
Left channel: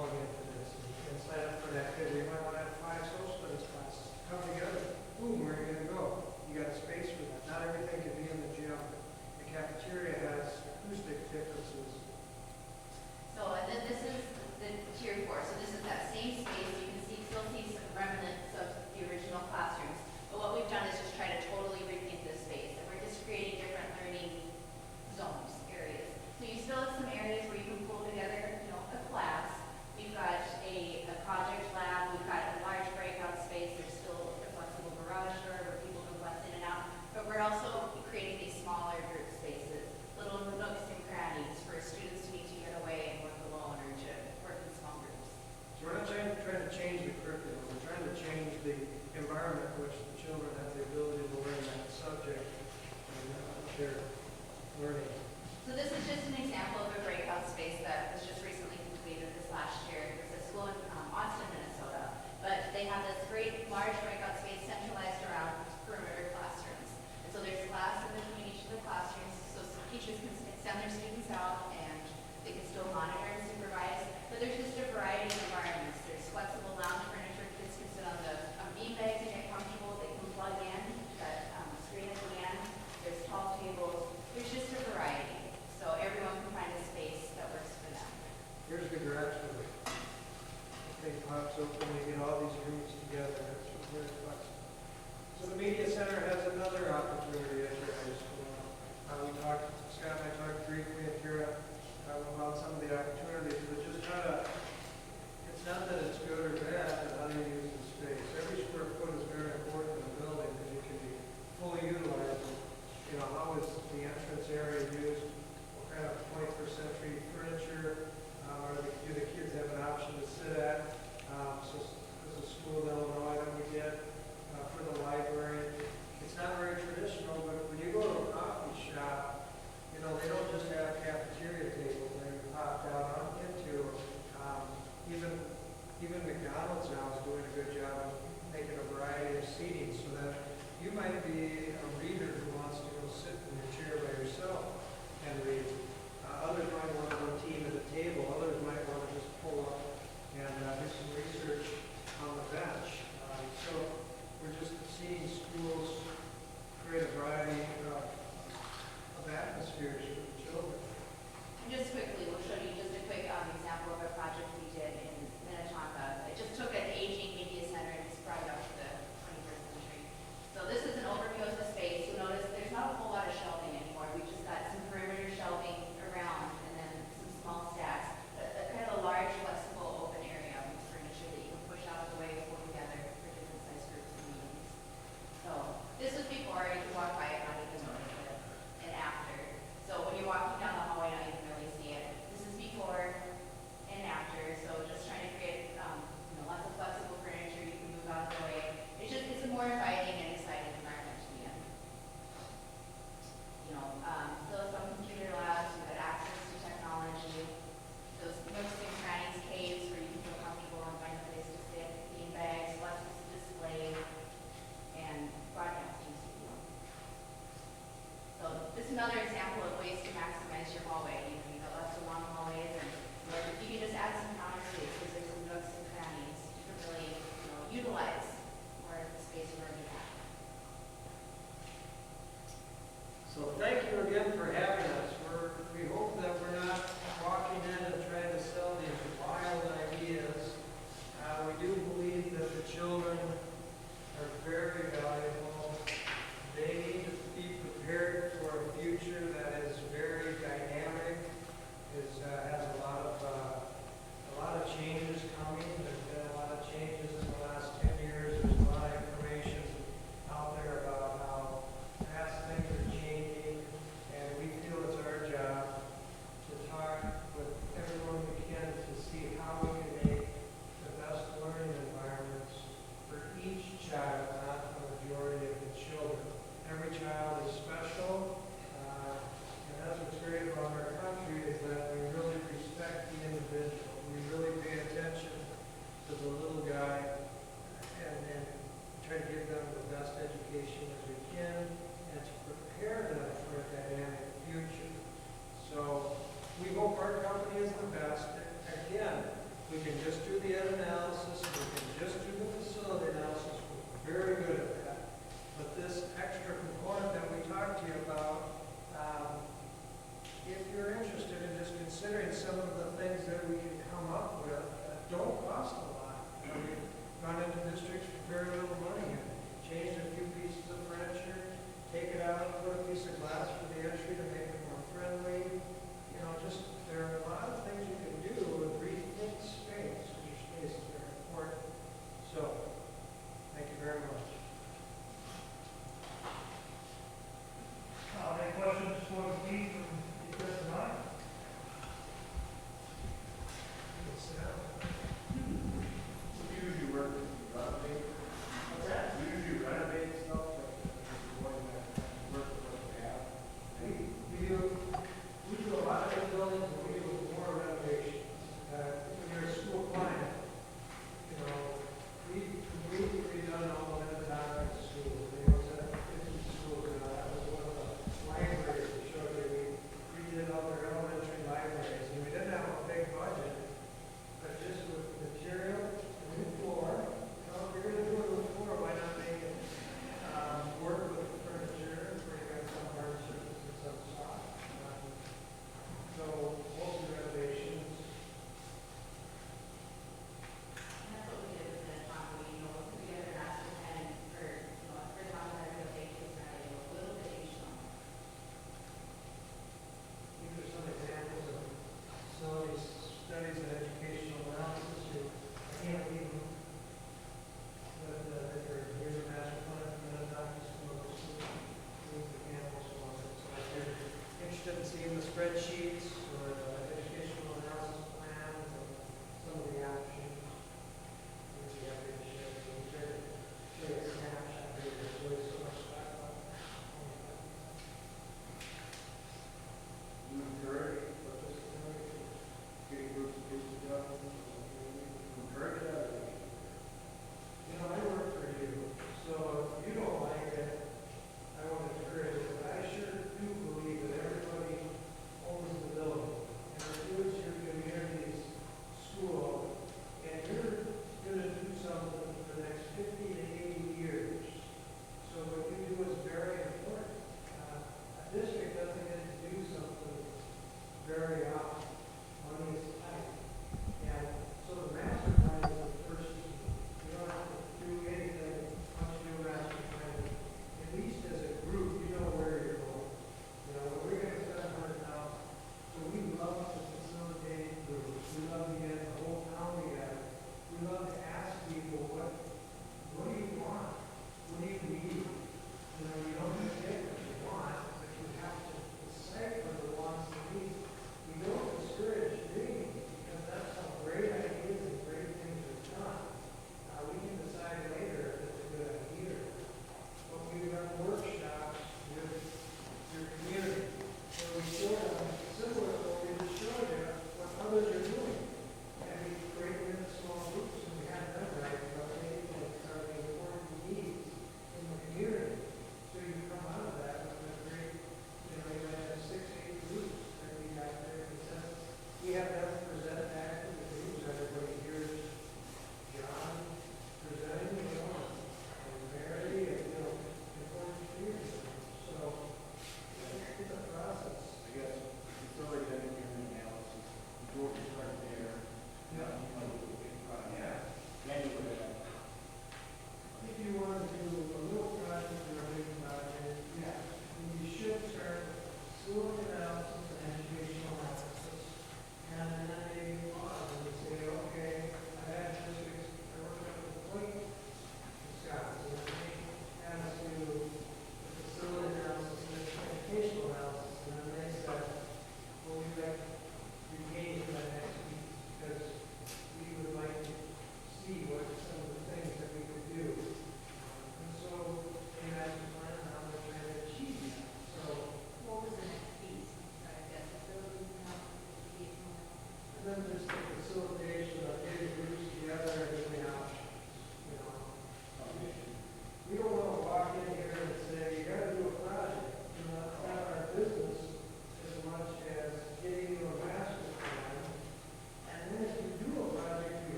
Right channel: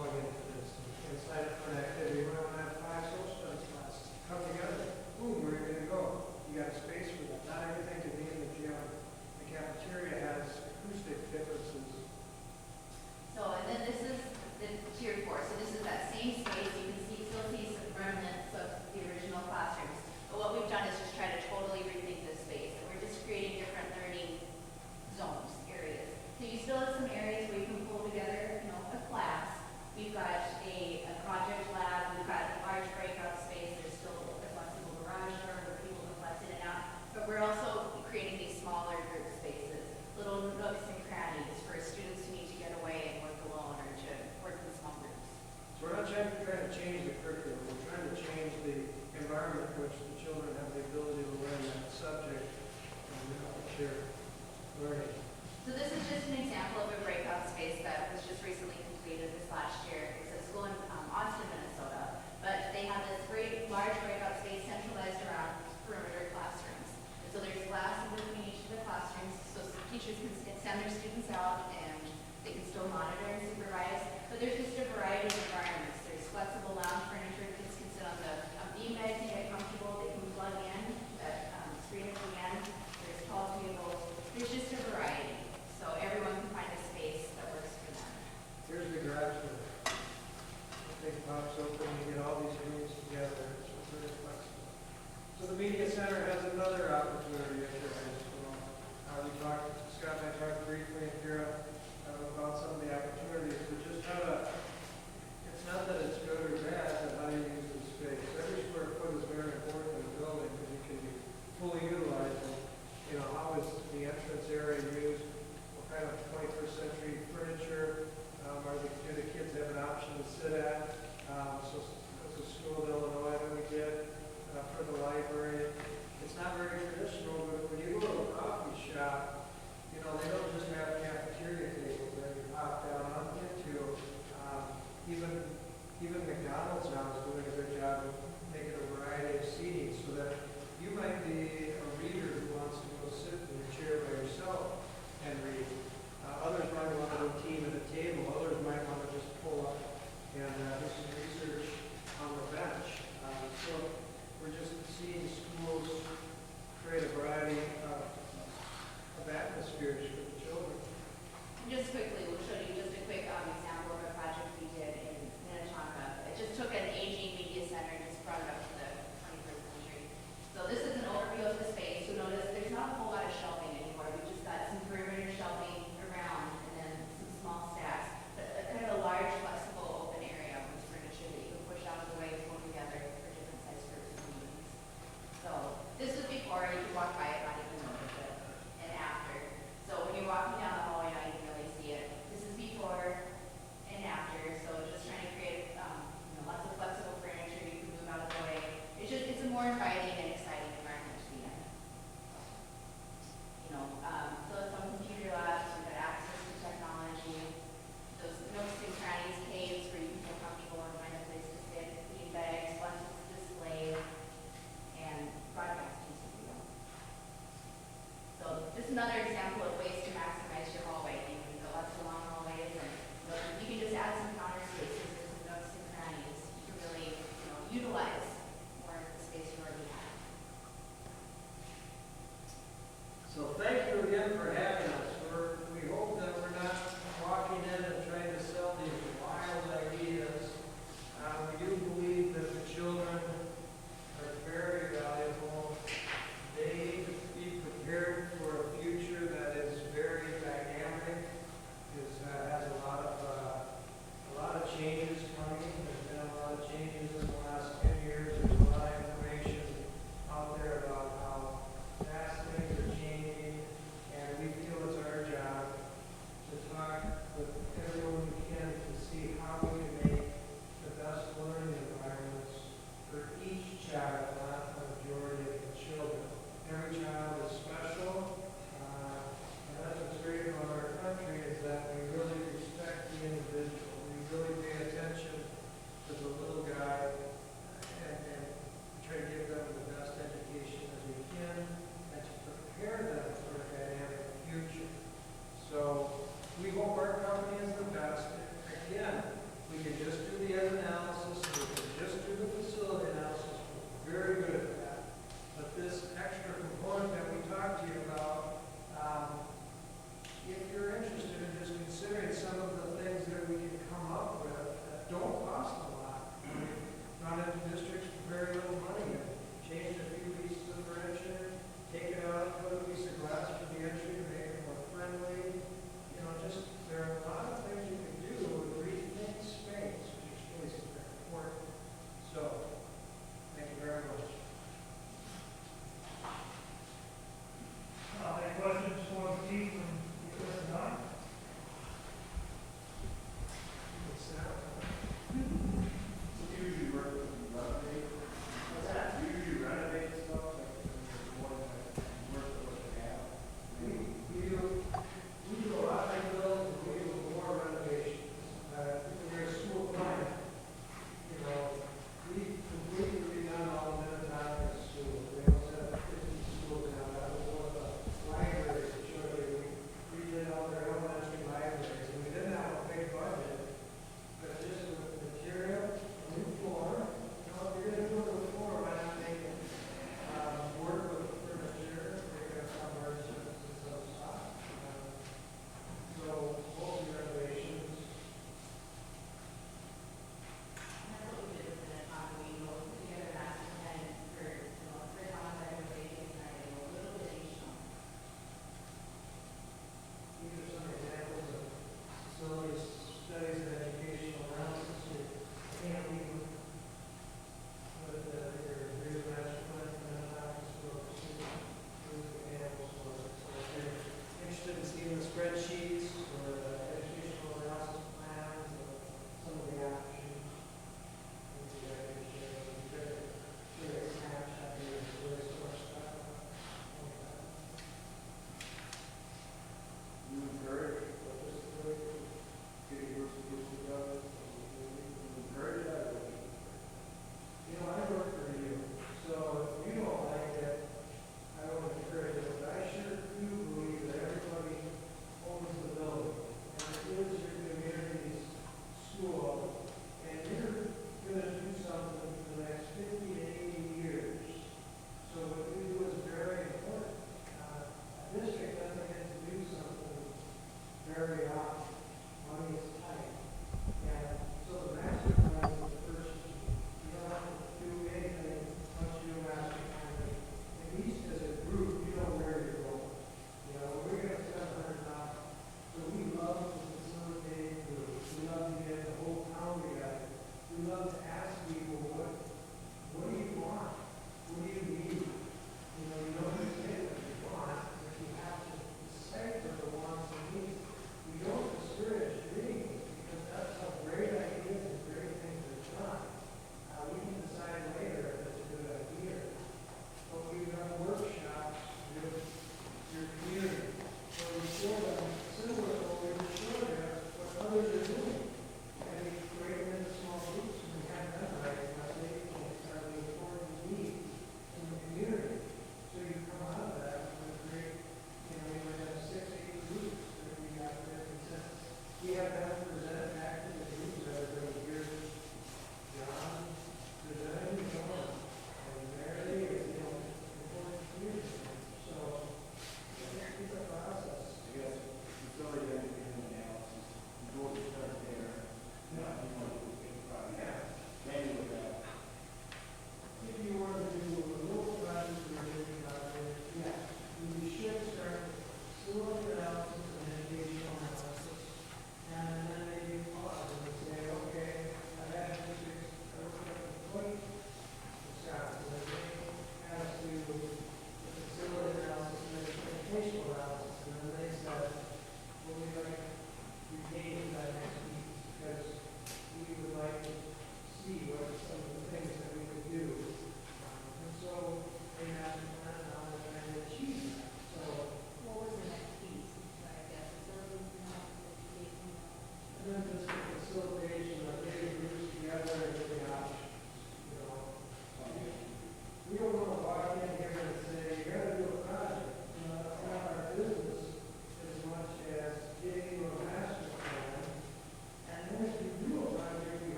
plug into this and sign up for an activity. You might want to have 5 social studies classes come together. Boom, where are you going to go? You got a space for that. Not everything can be in the gym. The cafeteria has acoustic differences. So, and then this is the tier 4. So this is that same space. You can still see some remnants of the original classrooms. But what we've done is just try to totally rethink this space. And we're just creating different learning zones, areas. So you still have some areas where you can pull together, a class. We've got a project lab. We've got a large breakout space. There's still a flexible garage door where people can flex in and out. But we're also creating these smaller group spaces, little nooks and crannies for students to need to get away and work alone or to work in small groups. So we're not trying to change the curriculum. We're trying to change the environment in which the children have the ability to learn that subject and what they're learning. So this is just an example of a breakout space that was just recently completed this last year. It's a school in Austin, Minnesota. But they have this great large breakout space centralized around perimeter classrooms. And so there's glass in between each of the classrooms so teachers can send their students out and they can still monitor and supervise. But there's just a variety of environments. There's flexible lounge furniture. Kids can sit on the beanbag and get comfortable. They can plug in that screen at the end. There's tall tables. There's just a variety. So everyone can find a space that works for them. Here's the garage door. The thing pops open, you get all these rooms together. It's very flexible. So the media center has another opportunity at your high school. Scott and I talked briefly in Kira about some of the opportunities, but just it's not that it's good or bad, but how do you use the space? Every square foot is very important in a building because it can be fully utilized. How is the entrance area used? What kind of 21st century furniture do the kids have an option to sit at? So there's a school in Illinois that we did for the library. It's not very traditional, but when you go to a coffee shop, they don't just have cafeteria tables that you pop down into. Even McDonald's now is doing a good job of making a variety of seating so that you might be a reader who wants to go sit in your chair by yourself and read. Others might want one team at a table. Others